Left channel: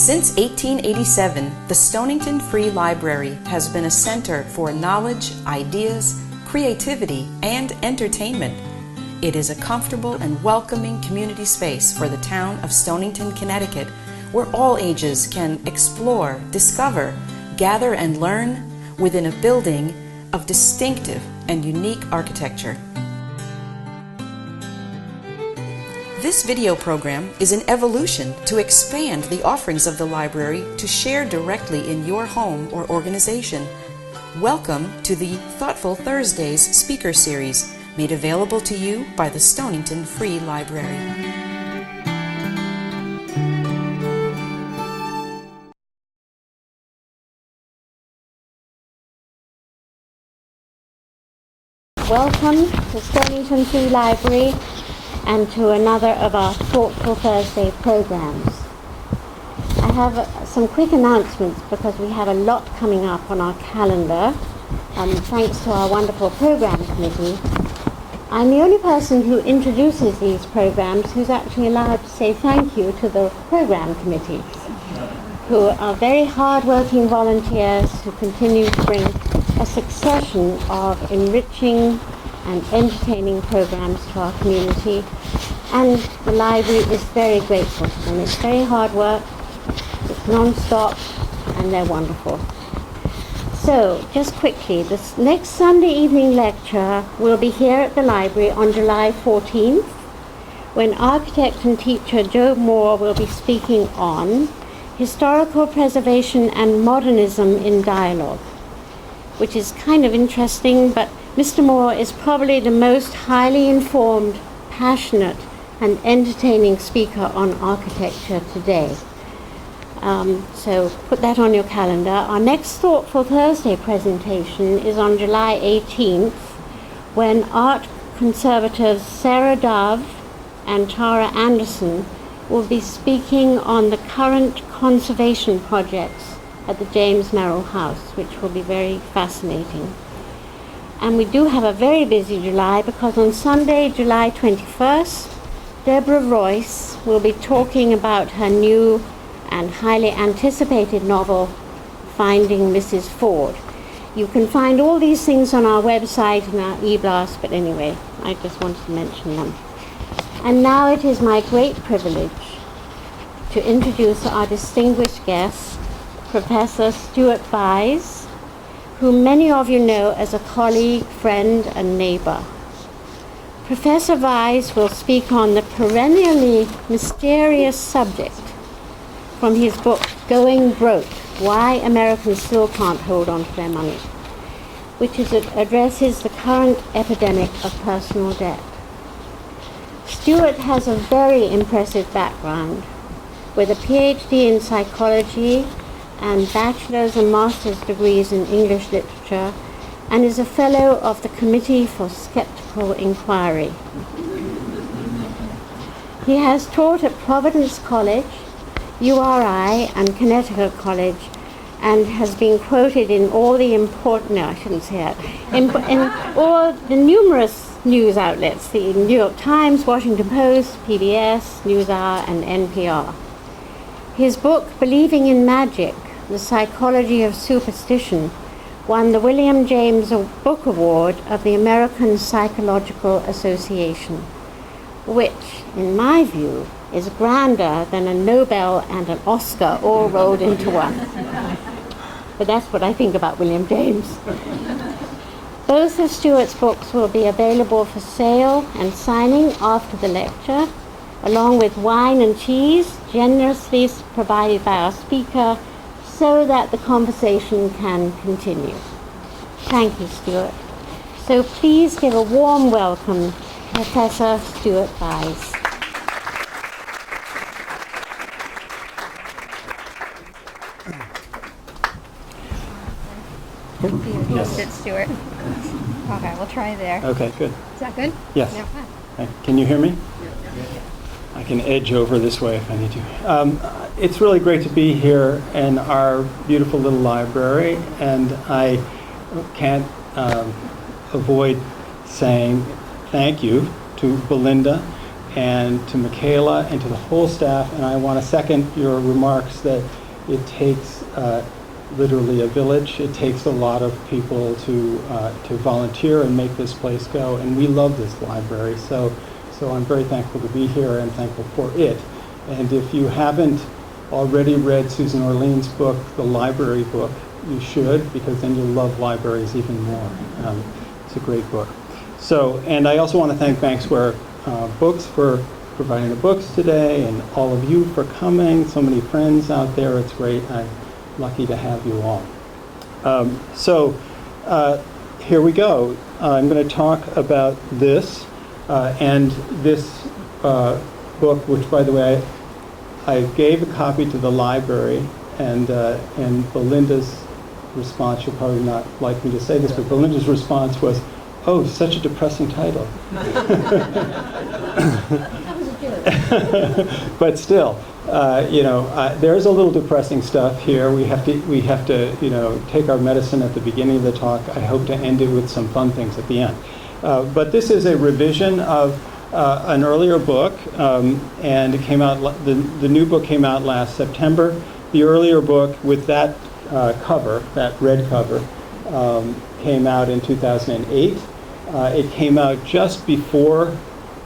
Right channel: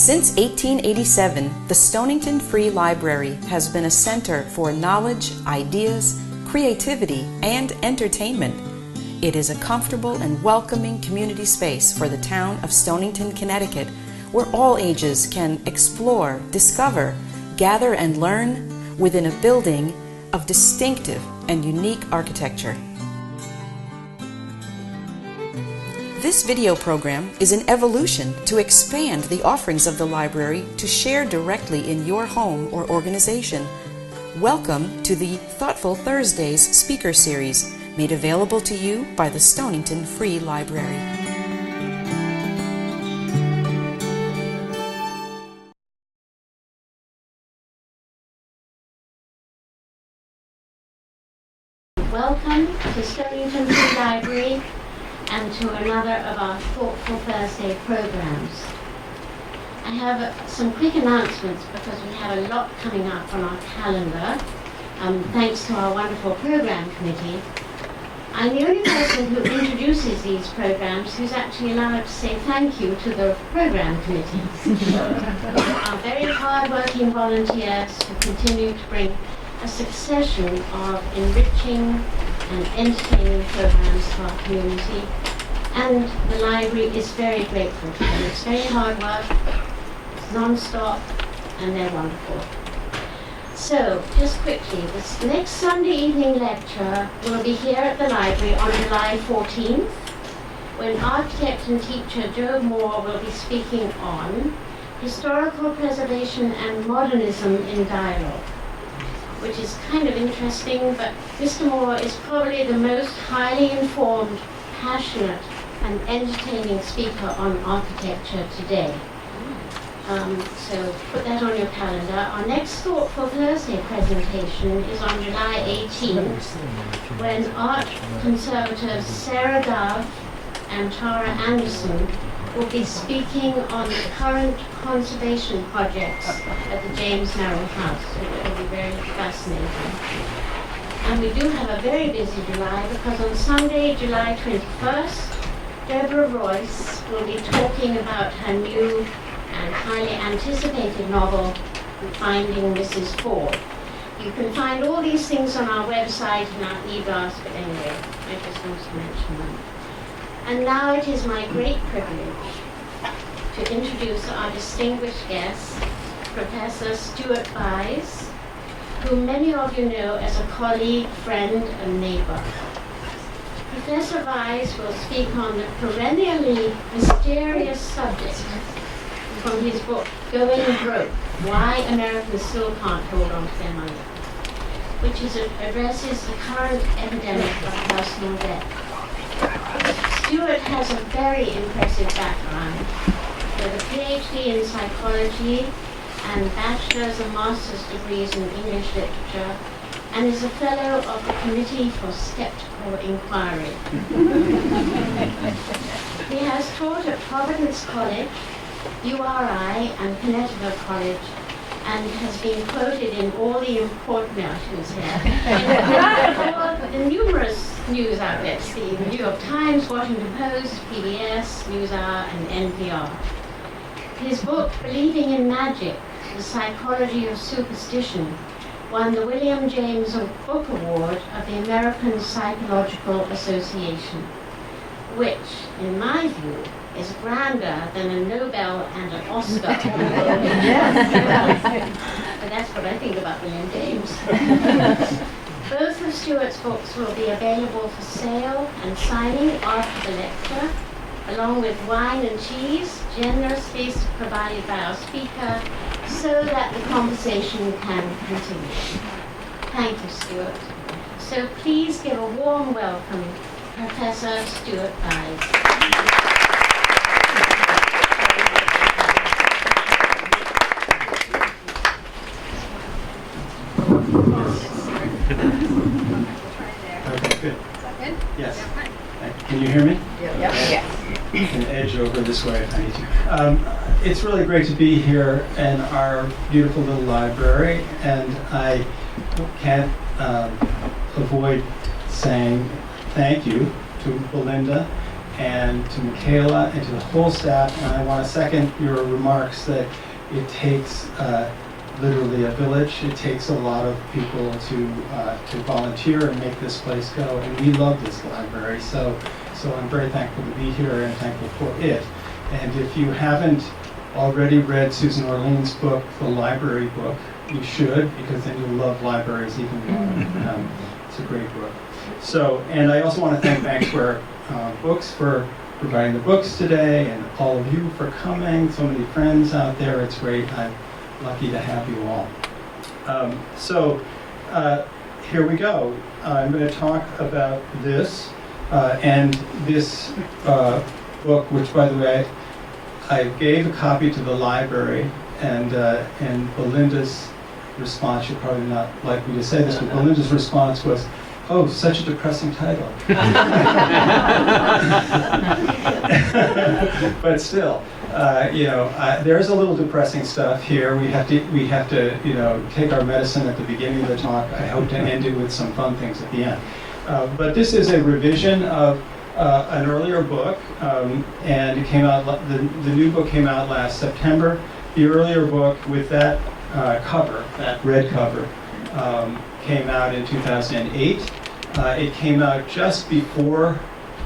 Since 1887, the Stonington Free Library has been a center for knowledge, ideas, creativity, and entertainment. It is a comfortable and welcoming community space for the town of Stonington, Connecticut, where all ages can explore, discover, gather, and learn within a building of distinctive and unique architecture. This video program is an evolution to expand the offerings of the library to share directly in your home or organization. Welcome to the Thoughtful Thursdays speaker series, made available to you by the Stonington Free Library. Welcome to Stonington Free Library and to another of our Thoughtful Thursday programs. I have some quick announcements because we have a lot coming up on our calendar, thanks to our wonderful program committee. I'm the only person who introduces these programs who's actually allowed to say thank you to the program committee, who are very hard-working volunteers who continue to bring a succession of enriching and entertaining programs to our community, and the library is very grateful. And it's very hard work, it's non-stop, and they're wonderful. So, just quickly, this next Sunday evening lecture will be here at the library on July 14th, when architect and teacher Joe Moore will be speaking on historical preservation and modernism in dialogue, which is kind of interesting, but Mr. Moore is probably the most highly informed, passionate, and entertaining speaker on architecture today. So put that on your calendar. Our next Thoughtful Thursday presentation is on July 18th, when art conservators Sarah Dove and Tara Anderson will be speaking on the current conservation projects at the James Merrill House, which will be very fascinating. And we do have a very busy July because on Sunday, July 21st, Deborah Royce will be talking about her new and highly anticipated novel, Finding Mrs. Ford. You can find all these things on our website and our e-blast, but anyway, I just wanted to mention them. And now it is my great privilege to introduce our distinguished guest, Professor Stuart Vyse, whom many of you know as a colleague, friend, and neighbor. Professor Vyse will speak on the perennially mysterious subject from his book, Going Broke, Why Americans Still Can't Hold On to Their Money, which addresses the current epidemic of personal debt. Stuart has a very impressive background with a PhD in psychology and bachelor's and master's degrees in English literature, and is a fellow of the Committee for Skeptical Inquirer. He has taught at Providence College, URI, and Connecticut College, and has been quoted in all the important, no, I shouldn't say that, in all the numerous news outlets, the New York Times, Washington Post, PBS, NewsHour, and NPR. His book, Believing in Magic, The Psychology of Superstition, won the William James Book Award of the American Psychological Association, which, in my view, is grander than a Nobel and an Oscar all rolled into one. But that's what I think about William James. Both of Stuart's books will be available for sale and signing after the lecture, along with wine and cheese, generously provided by our speaker, so that the conversation can continue. Thank you, Stuart. So please give a warm welcome to Professor Stuart Vyse. Stuart. Okay, we'll try there. Okay, good. Is that good? Yes. Yeah. Can you hear me? Yeah. I can edge over this way if I need to. It's really great to be here in our beautiful little library, and I can't avoid saying thank you to Belinda and to Michaela and to the whole staff. And I want to second your remarks that it takes literally a village. It takes a lot of people to volunteer and make this place go. And we love this library. So I'm very thankful to be here and thankful for it. And if you haven't already read Susan Orlean's book, The Library Book, you should, because then you'll love libraries even more. It's a great book. So, and I also want to thank Bank Square Books for providing the books today, and all of you for coming. So many friends out there. It's great. I'm lucky to have you all. Here we go. I'm going to talk about this. And this book, which, by the way, I gave a copy to the library, and Belinda's response, you'll probably not like me to say this, but Belinda's response was, "Oh, such a depressing title." But still, there's a little depressing stuff here. We have to, take our medicine at the beginning of the talk. I hope to end it with some fun things at the end. But this is a revision of an earlier book, and it came out. The new book came out last September. The earlier book with that cover, that red cover, came out in 2008. It came out just before,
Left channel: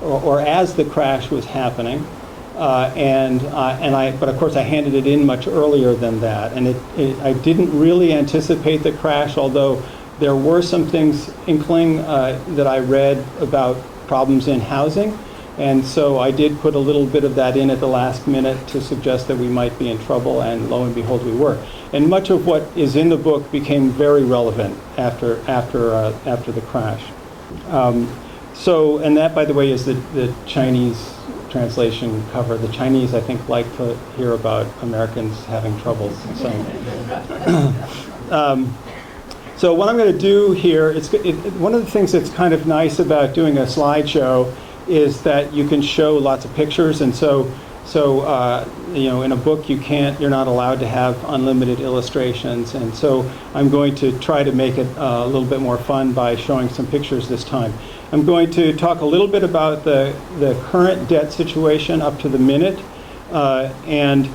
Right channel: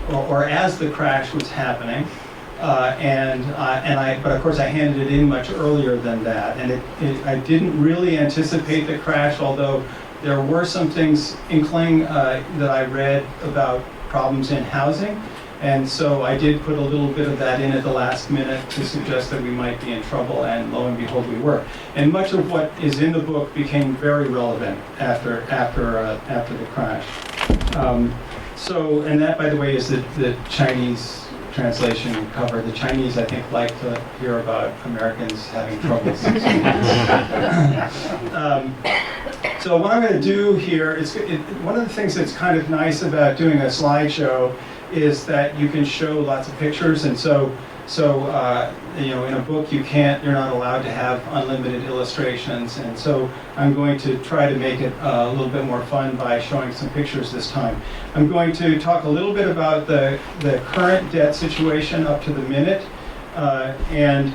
or as the crash was happening, but of course I handed it in much earlier than that, and I didn't really anticipate the crash, although there were some things inkling that I read about problems in housing, and so I did put a little bit of that in at the last minute to suggest that we might be in trouble, and lo and behold, we were. And much of what is in the book became very relevant after the crash. And that, by the way, is the Chinese translation cover. The Chinese, I think, like to hear about Americans having troubles. So what I'm going to do here is, one of the things that's kind of nice about doing a slideshow is that you can show lots of pictures, and so in a book you're not allowed to have unlimited illustrations, and so I'm going to try to make it a little bit more fun by showing some pictures this time. I'm going to talk a little bit about the current debt situation up to the minute, and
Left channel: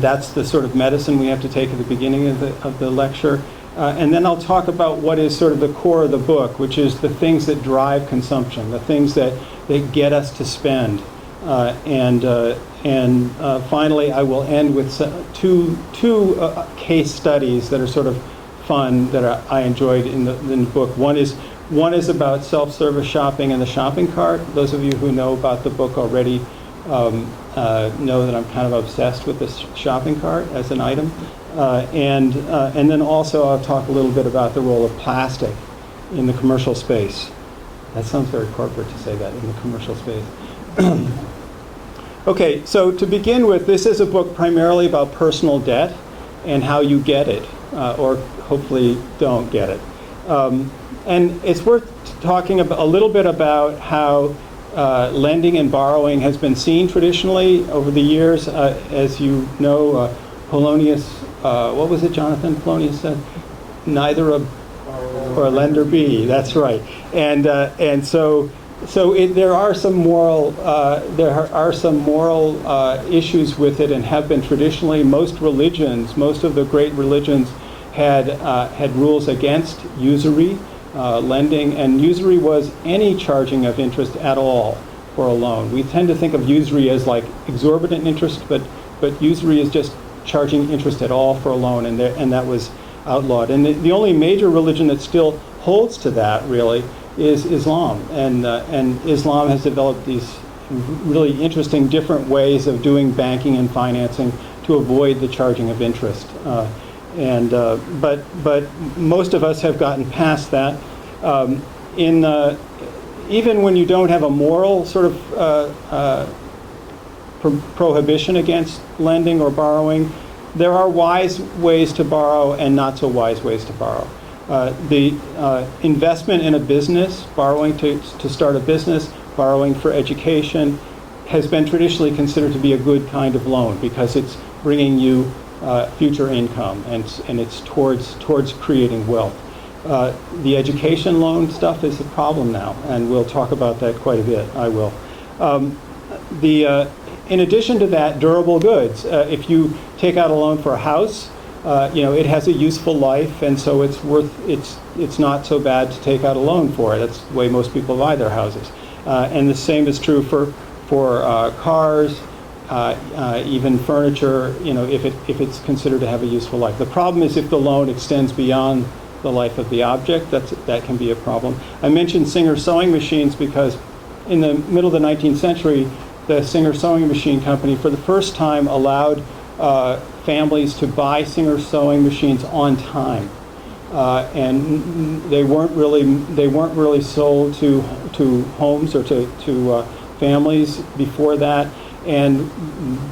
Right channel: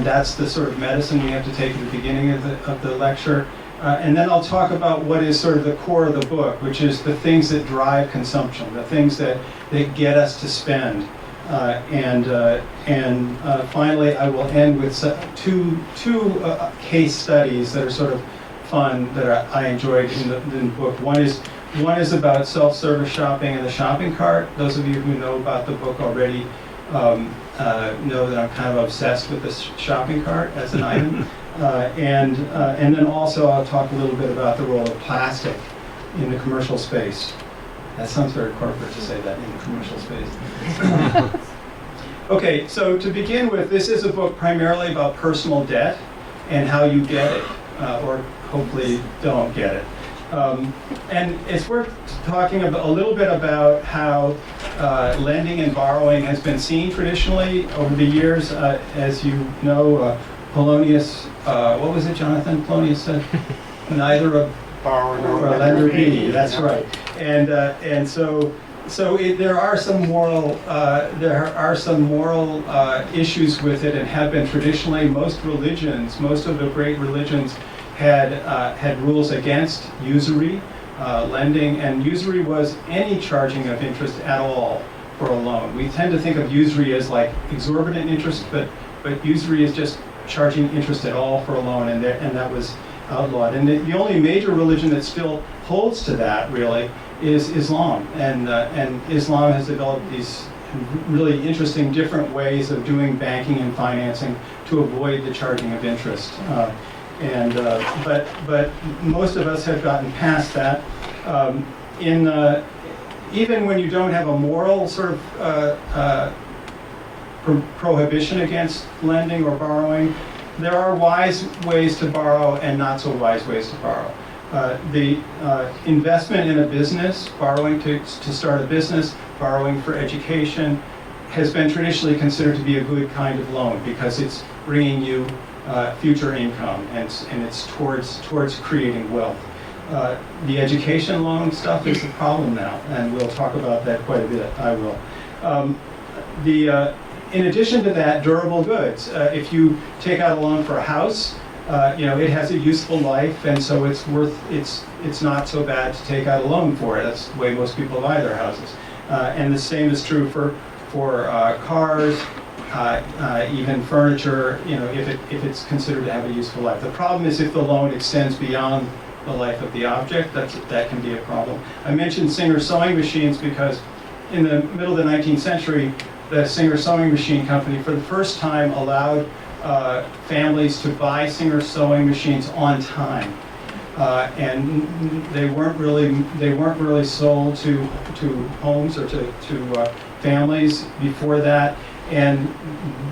that's the sort of medicine we have to take at the beginning of the lecture. And then I'll talk about what is sort of the core of the book, which is the things that drive consumption, the things that get us to spend. Finally, I will end with two case studies that are sort of fun that I enjoyed in the book. One is about self-service shopping and the shopping cart. Those of you who know about the book already know that I'm kind of obsessed with this shopping cart as an item. And then also I'll talk a little bit about the role of plastic in the commercial space. That sounds very corporate to say that, in the commercial space. Okay, so to begin with, this is a book primarily about personal debt and how you get it, or hopefully don't get it. And it's worth talking a little bit about how lending and borrowing has been seen traditionally over the years. As you know, Polonius, what was it Jonathan Polonius said? Neither a borrower nor a lender be. That's right. And so there are some moral issues with it, and have been traditionally. Most of the great religions had rules against usury lending, and usury was any charging of interest at all for a loan. We tend to think of usury as like exorbitant interest, but usury is just charging interest at all for a loan, and that was outlawed. And the only major religion that still holds to that, really, is Islam. And Islam has developed these really interesting different ways of doing banking and financing to avoid the charging of interest. But most of us have gotten past that. Even when you don't have a moral sort of prohibition against lending or borrowing, there are wise ways to borrow and not so wise ways to borrow. The investment in a business, borrowing to start a business, borrowing for education, has been traditionally considered to be a good kind of loan because it's bringing you future income, and it's towards creating wealth. The education loan stuff is a problem now, and we'll talk about that quite a bit. I will. In addition to that, durable goods. If you take out a loan for a house, it has a useful life, and so it's not so bad to take out a loan for it. That's the way most people buy their houses. And the same is true for cars, even furniture. If it's considered to have a useful life. The problem is if the loan extends beyond the life of the object. That can be a problem. I mentioned Singer sewing machines because in the middle of the 19th century, the Singer sewing machine company, for the first time, allowed families to buy Singer sewing machines on time, and they weren't really sold to homes or to families before that. And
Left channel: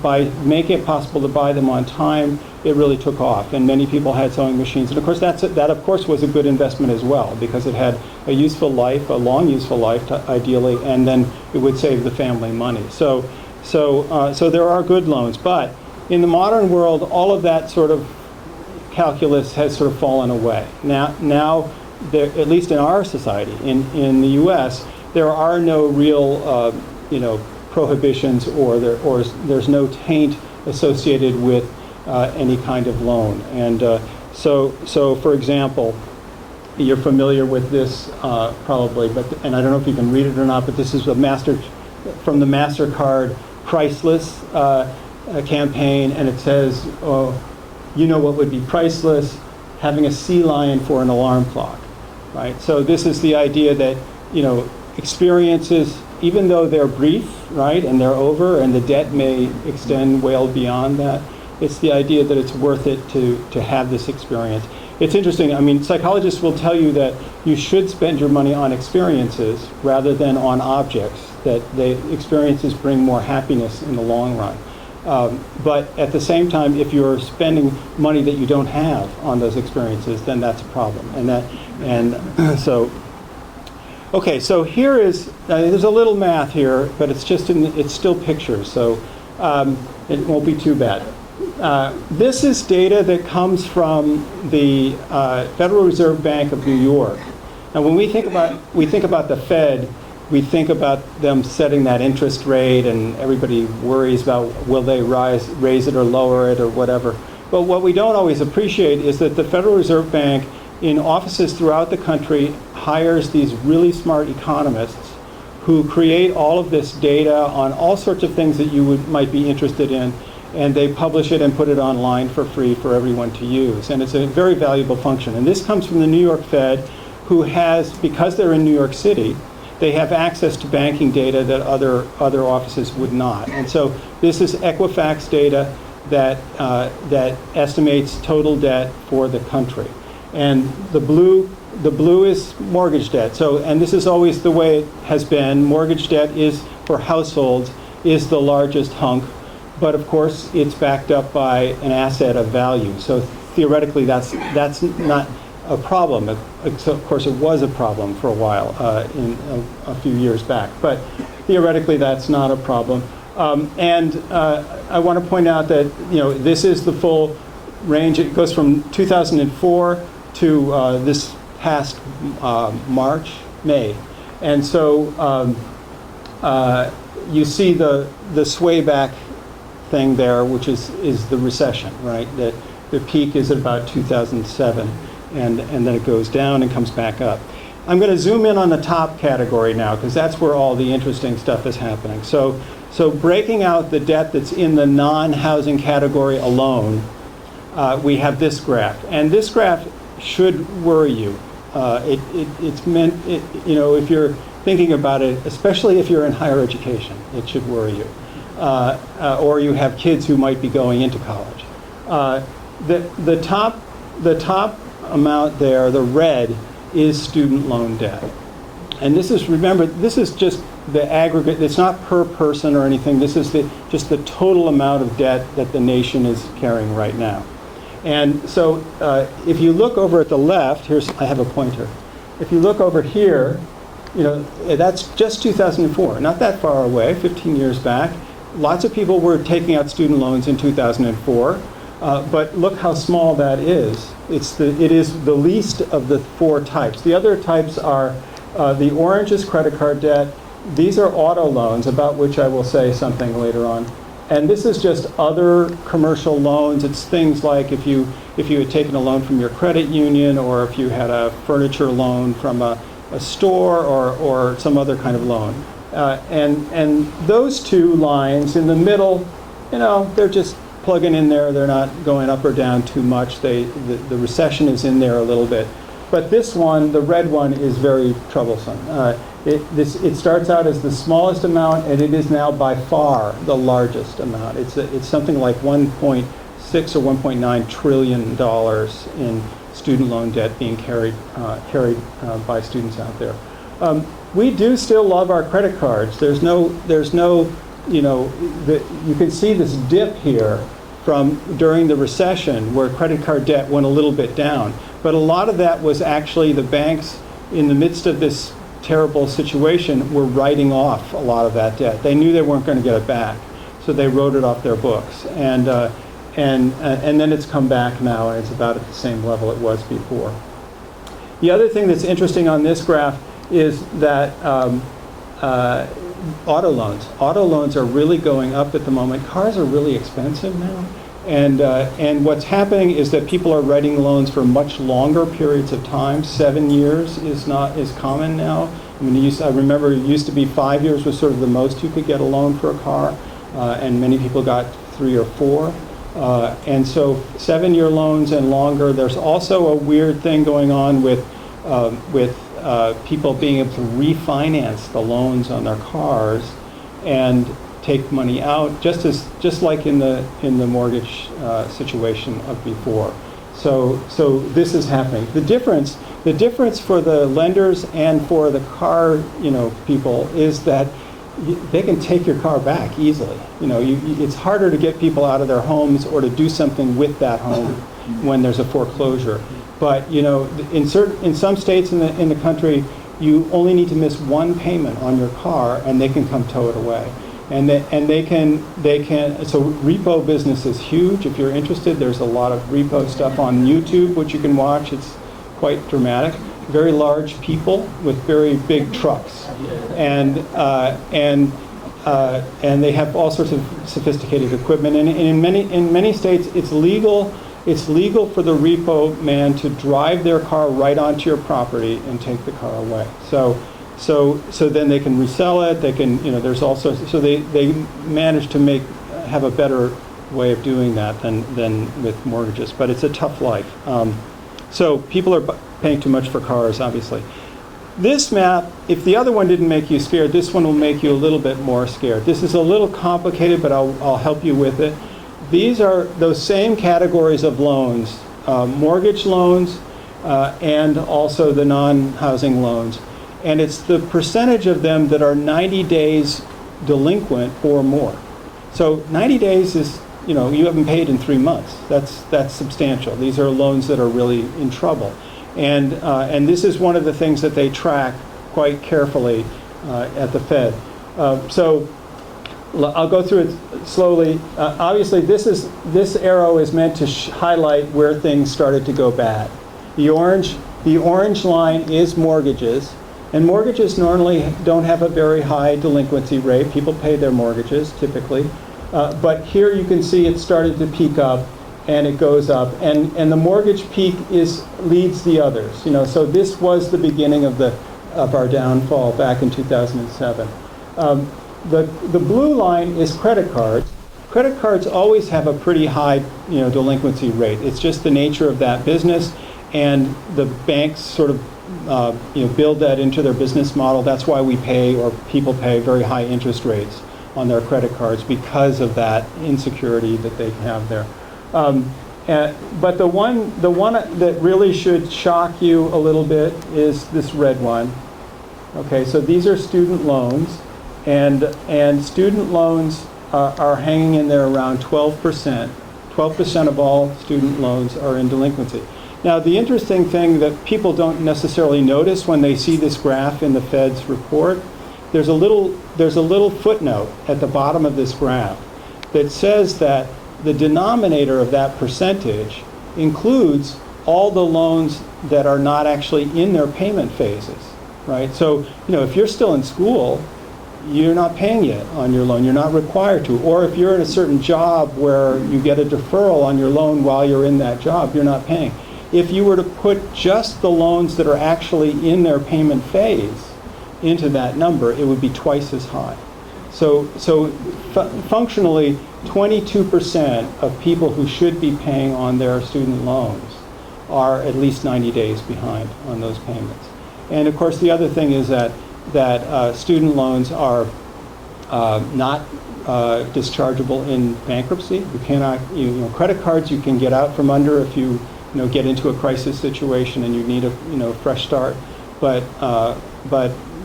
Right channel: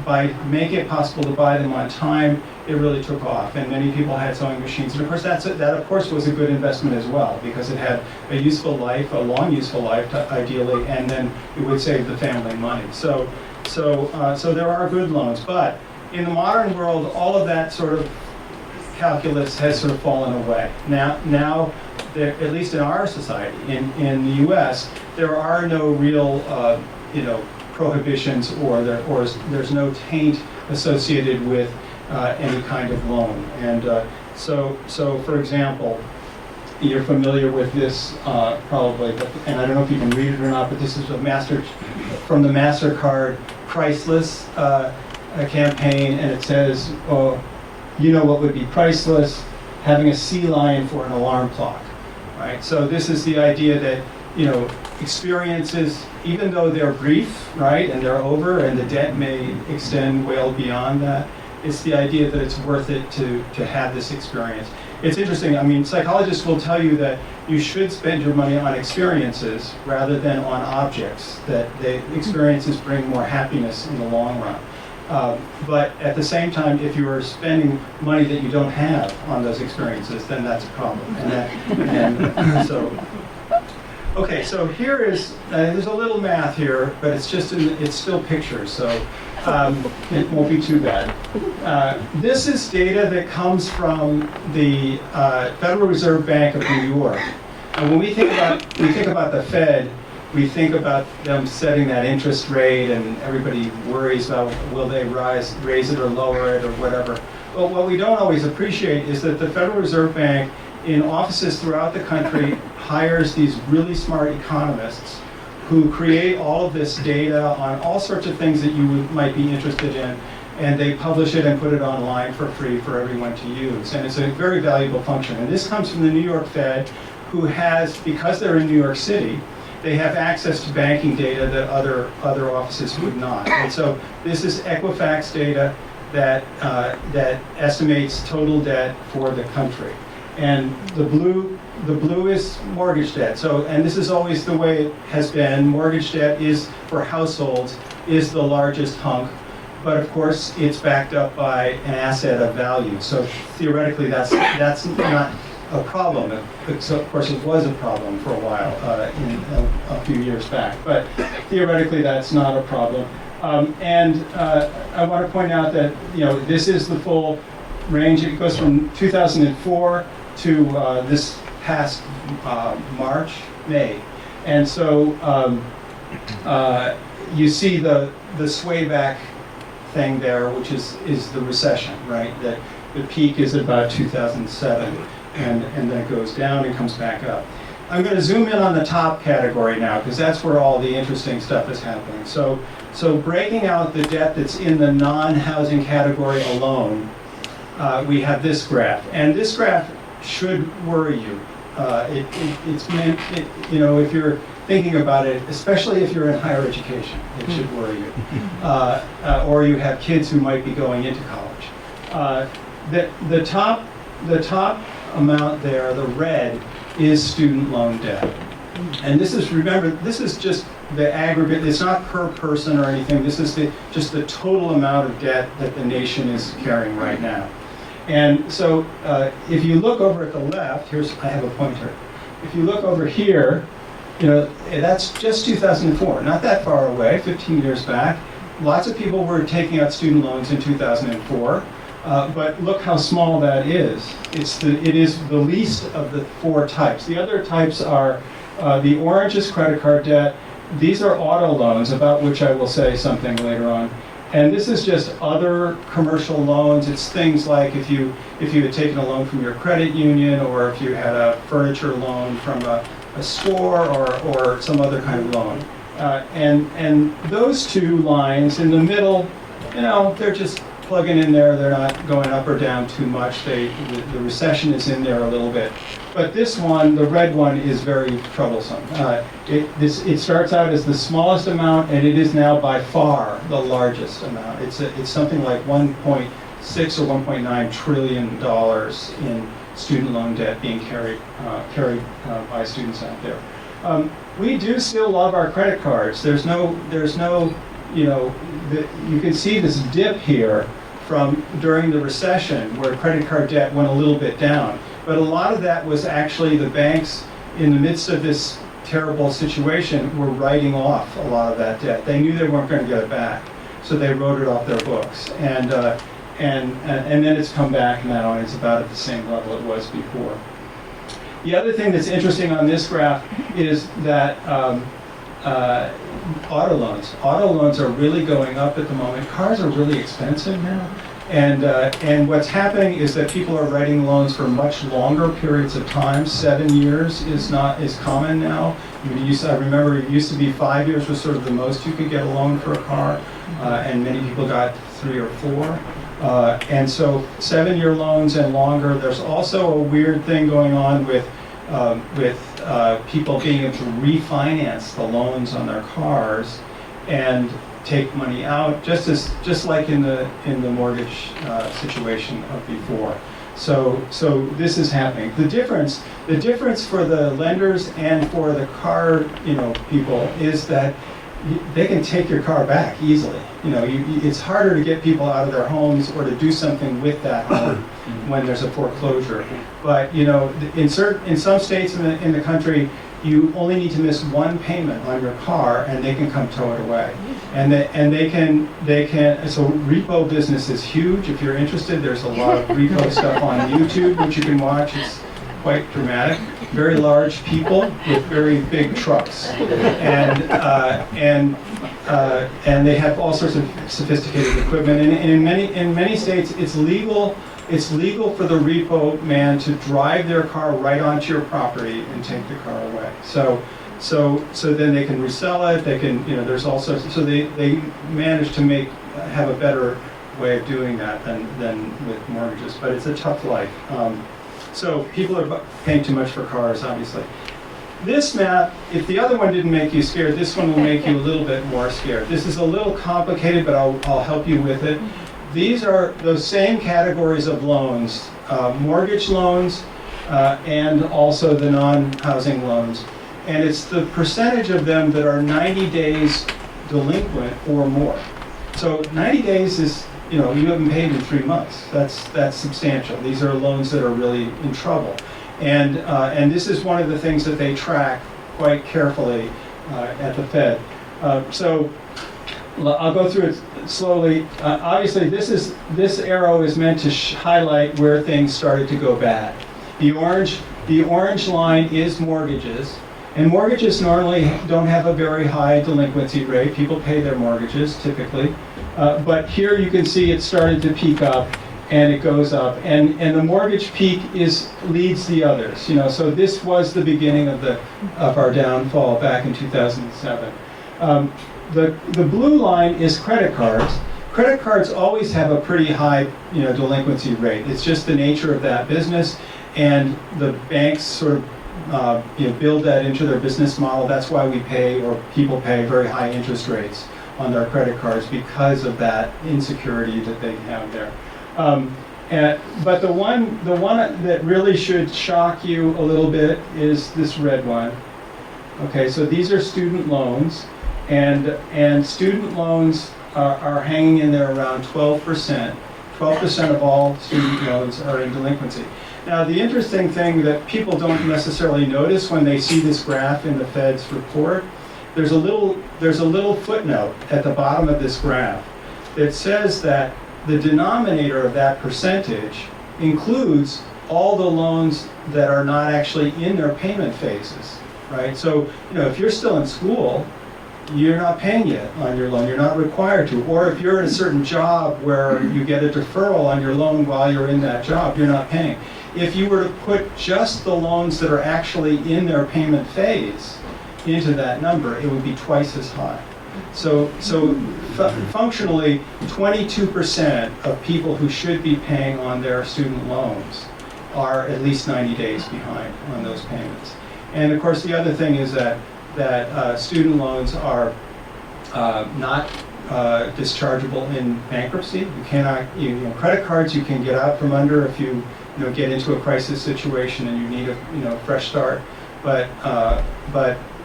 by making it possible to buy them on time, it really took off, and many people had sewing machines. And of course, that of course was a good investment as well, because it had a useful life, a long useful life, ideally, and then it would save the family money. So there are good loans, but in the modern world, all of that sort of calculus has sort of fallen away. Now, at least in our society, in the U.S., there are no real, prohibitions, or there's no taint associated with any kind of loan. And so for example, you're familiar with this probably, and I don't know if you can read it or not, but this is from the MasterCard Priceless campaign, and it says, what would be priceless? Having a sea lion for an alarm clock, right? So this is the idea that, experiences, even though they're brief, right, and they're over, and the debt may extend well beyond that, it's the idea that it's worth it to have this experience. It's interesting. I mean, psychologists will tell you that you should spend your money on experiences rather than on objects, that the experiences bring more happiness in the long run. But at the same time, if you're spending money that you don't have on those experiences, then that's a problem. Okay, so here is, there's a little math here, but it's still pictures, so it won't be too bad. This is data that comes from the Federal Reserve Bank of New York. And when we think about the Fed, we think about them setting that interest rate, and everybody worries about will they raise it or lower it or whatever. But what we don't always appreciate is that the Federal Reserve Bank, in offices throughout the country, hires these really smart economists who create all of this data on all sorts of things that you might be interested in, and they publish it and put it online for free for everyone to use. And it's a very valuable function. And this comes from the New York Fed, who has, because they're in New York City, they have access to banking data that other offices would not. And so this is Equifax data that estimates total debt for the country. And the blue is mortgage debt. So, and this is always the way it has been. Mortgage debt is, for households, is the largest hunk, but of course it's backed up by an asset of value. So theoretically, that's not a problem. Of course, it was a problem for a while, a few years back. But theoretically, that's not a problem. And I want to point out that this is the full range. It goes from 2004 to this past May. And so you see the sway back thing there, which is the recession, right? That the peak is at about 2007, and then it goes down and comes back up. I'm going to zoom in on the top category now, because that's where all the interesting stuff is happening. So breaking out the debt that's in the non-housing category alone, we have this graph. And this graph should worry you. It's meant, if you're thinking about it, especially if you're in higher education, it should worry you. Or you have kids who might be going into college. The top amount there, the red, is student loan debt. And this is, remember, this is just the aggregate. It's not per person or anything. This is just the total amount of debt that the nation is carrying right now. And so if you look over at the left, I have a pointer. If you look over here, that's just 2004, not that far away, 15 years back. Lots of people were taking out student loans in 2004. But look how small that is. It is the least of the 4 types. The other types are the orange is credit card debt. These are auto loans, about which I will say something later on. And this is just other commercial loans. It's things like if you had taken a loan from your credit union, or if you had a furniture loan from a store, or some other kind of loan. And those 2 lines in the middle, they're just plugging in there. They're not going up or down too much. The recession is in there a little bit. But this one, the red one, is very troublesome. It starts out as the smallest amount, and it is now by far the largest amount. It's something like 1.6 or 1.9 trillion dollars in student loan debt being carried by students out there. We do still love our credit cards. There's no, you can see this dip here from during the recession where credit card debt went a little bit down. But a lot of that was actually the banks, in the midst of this terrible situation, were writing off a lot of that debt. They knew they weren't going to get it back, so they wrote it off their books. And then it's come back now, and it's about at the same level it was before. The other thing that's interesting on this graph is that auto loans are really going up at the moment. Cars are really expensive now. And what's happening is that people are writing loans for much longer periods of time. 7 years is common now. I remember it used to be 5 years was sort of the most you could get a loan for a car, and many people got 3 or 4. And so 7-year loans and longer. There's also a weird thing going on with people being able to refinance the loans on their cars and take money out, just like in the mortgage situation of before. So this is happening. The difference for the lenders and for the car people is that they can take your car back easily. It's harder to get people out of their homes or to do something with that home when there's a foreclosure. But in some states in the country, you only need to miss one payment on your car, and they can come tow it away. And they can. So repo business is huge. If you're interested, there's a lot of repo stuff on YouTube which you can watch. It's quite dramatic. Very large people with very big trucks, and they have all sorts of sophisticated equipment. And in many states, it's legal. It's legal for the repo man to drive their car right onto your property and take the car away. So then they can resell it. They can, there's all sorts. So they manage to have a better way of doing that than with mortgages. But it's a tough life. So people are paying too much for cars, obviously. This map, if the other one didn't make you scared, this one will make you a little bit more scared. This is a little complicated, but I'll help you with it. These are those same categories of loans, mortgage loans and also the non-housing loans. And it's the percentage of them that are 90 days delinquent or more. So 90 days is, you haven't paid in 3 months. That's substantial. These are loans that are really in trouble. And this is one of the things that they track quite carefully at the Fed. So I'll go through it slowly. Obviously, this arrow is meant to highlight where things started to go bad. The orange line is mortgages. And mortgages normally don't have a very high delinquency rate. People pay their mortgages, typically. But here you can see it started to peak up, and it goes up. And the mortgage peak leads the others. So this was the beginning of our downfall back in 2007. The blue line is credit cards. Credit cards always have a pretty high delinquency rate. It's just the nature of that business, and the banks sort of build that into their business model. That's why we pay, or people pay, very high interest rates on their credit cards because of that insecurity that they have there. But the one that really should shock you a little bit is this red one. Okay, so these are student loans, and student loans are hanging in there around 12%. 12% of all student loans are in delinquency. Now, the interesting thing that people don't necessarily notice when they see this graph in the Fed's report, there's a little footnote at the bottom of this graph that says that the denominator of that percentage includes all the loans that are not actually in their payment phases, right? So, if you're still in school, you're not paying yet on your loan. You're not required to. Or if you're in a certain job where you get a deferral on your loan while you're in that job, you're not paying. If you were to put just the loans that are actually in their payment phase into that number, it would be twice as high. So functionally, 22% of people who should be paying on their student loans are at least 90 days behind on those payments. And of course, the other thing is that student loans are not dischargeable in bankruptcy. You cannot, credit cards you can get out from under if you, get into a crisis situation and you need a fresh start, but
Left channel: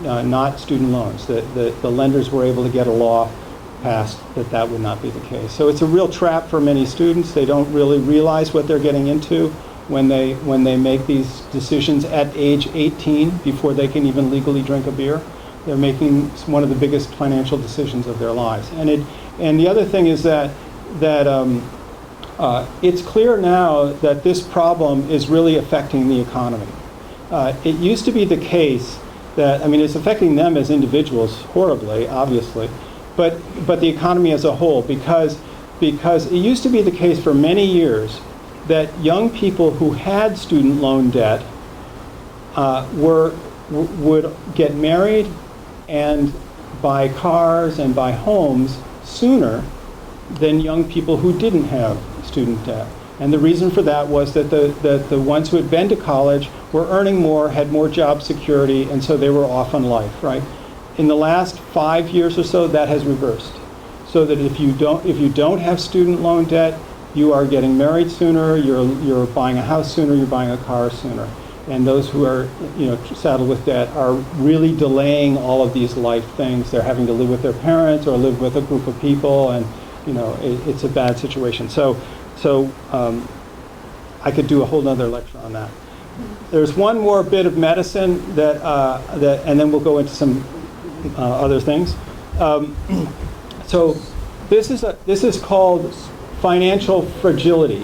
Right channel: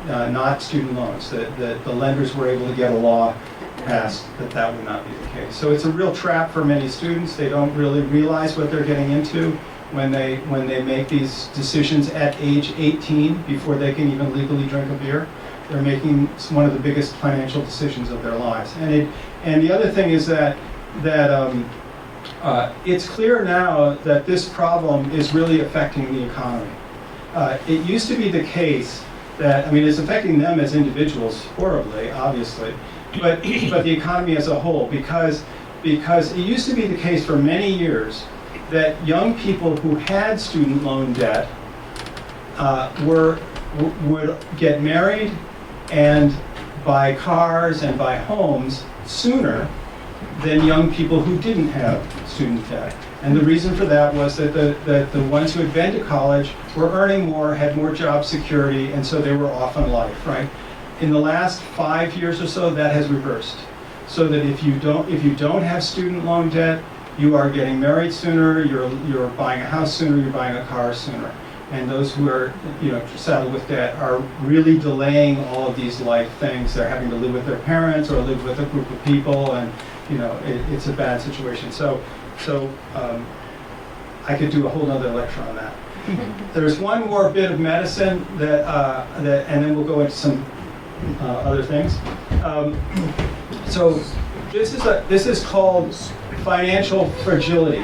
not student loans. The lenders were able to get a law passed that would not be the case. So it's a real trap for many students. They don't really realize what they're getting into when they make these decisions at age 18 before they can even legally drink a beer. They're making one of the biggest financial decisions of their lives. And the other thing is that it's clear now that this problem is really affecting the economy. It used to be the case that, it's affecting them as individuals horribly, obviously, but the economy as a whole, because it used to be the case for many years that young people who had student loan debt would get married and buy cars and buy homes sooner than young people who didn't have student debt. And the reason for that was that the ones who had been to college were earning more, had more job security, and so they were off on life, right? In the last 5 years or so, that has reversed. So that if you don't have student loan debt, you are getting married sooner, you're buying a house sooner, you're buying a car sooner. And those who are saddled with debt are really delaying all of these life things. They're having to live with their parents or live with a group of people, and it's a bad situation. So I could do a whole other lecture on that. There's one more bit of medicine and then we'll go into some other things. So this is called financial fragility.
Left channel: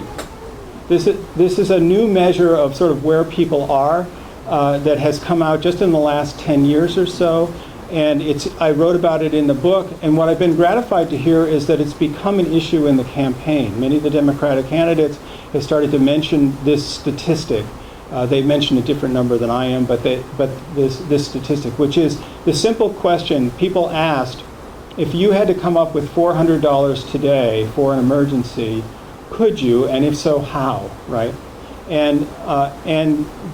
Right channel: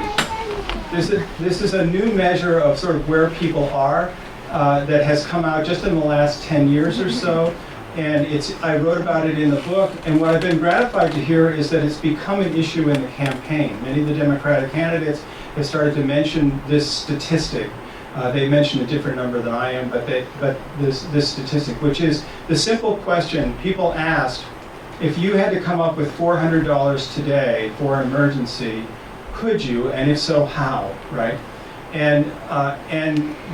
This is a new measure of sort of where people are that has come out just in the last 10 years or so. And I wrote about it in the book, and what I've been gratified to hear is that it's become an issue in the campaign. Many of the Democratic candidates have started to mention this statistic. They mentioned a different number than I am, but this statistic, which is the simple question people asked: if you had to come up with $400 today for an emergency, could you? And if so, how? Right? And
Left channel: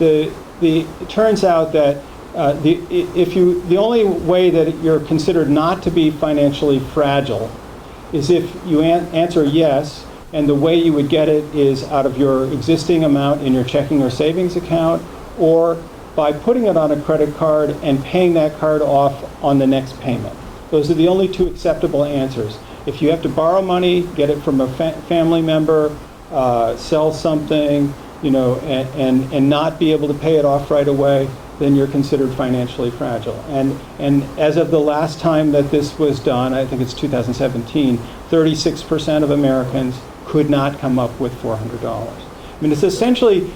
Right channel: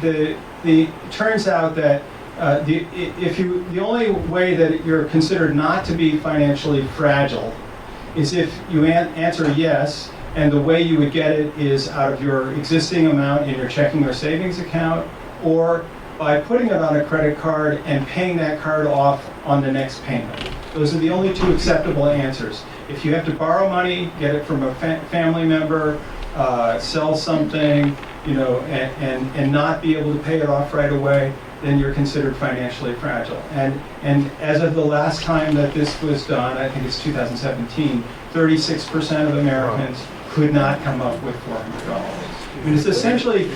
it turns out that the only way that you're considered not to be financially fragile is if you answer yes, and the way you would get it is out of your existing amount in your checking or savings account, or by putting it on a credit card and paying that card off on the next payment. Those are the only two acceptable answers. If you have to borrow money, get it from a family member, sell something, and not be able to pay it off right away, then you're considered financially fragile. And as of the last time that this was done, I think it's 2017, 36% of Americans could not come up with $400. It's essentially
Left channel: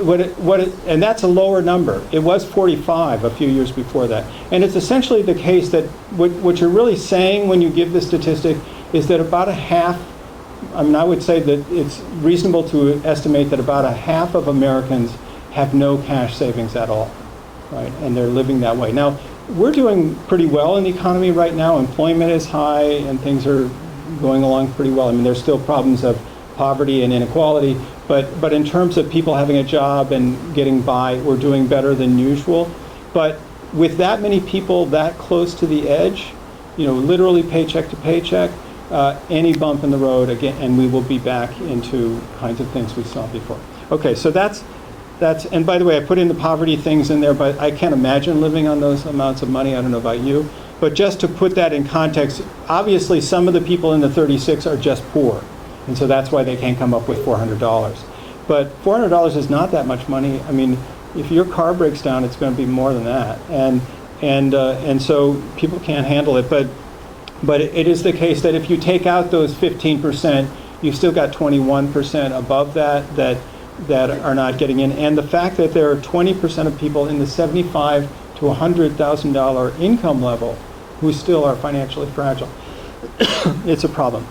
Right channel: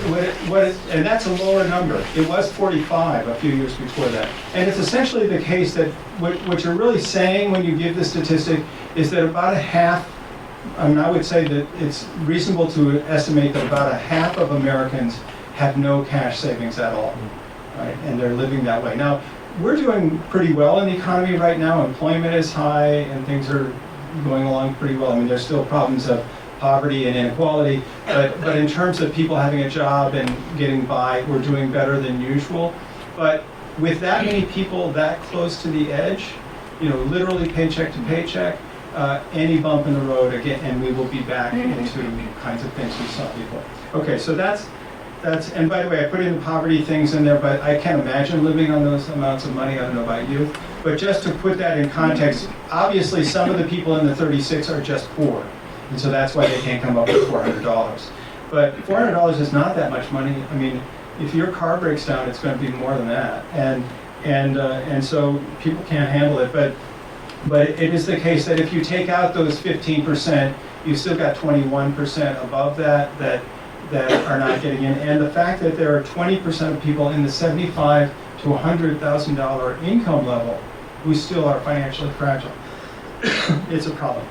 and that's a lower number. It was 45 a few years before that. And it's essentially the case that what you're really saying when you give the statistic is that about a half, I would say that it's reasonable to estimate that about a half of Americans have no cash savings at all, right? And they're living that way. Now, we're doing pretty well in the economy right now. Employment is high and things are going along pretty well. There's still problems of poverty and inequality, but in terms of people having a job and getting by, we're doing better than usual. But with that many people that close to the edge, literally paycheck to paycheck, any bump in the road again, and we will be back into kinds of things we saw before. Okay, so that's, and by the way, I put in the poverty things in there, but I can't imagine living on those amounts of money. I don't know about you. But just to put that in context, obviously some of the people in the 36 are just poor. And so that's why they can't come up with $400. But $400 is not that much money. If your car breaks down, it's going to be more than that. And so people can't handle it. But it is the case that if you take out those 15%, you've still got 21% above that are not getting in. And the fact that there are 20% of people in the $75,000 to $100,000 income level who still are financially fragile, it's a problem.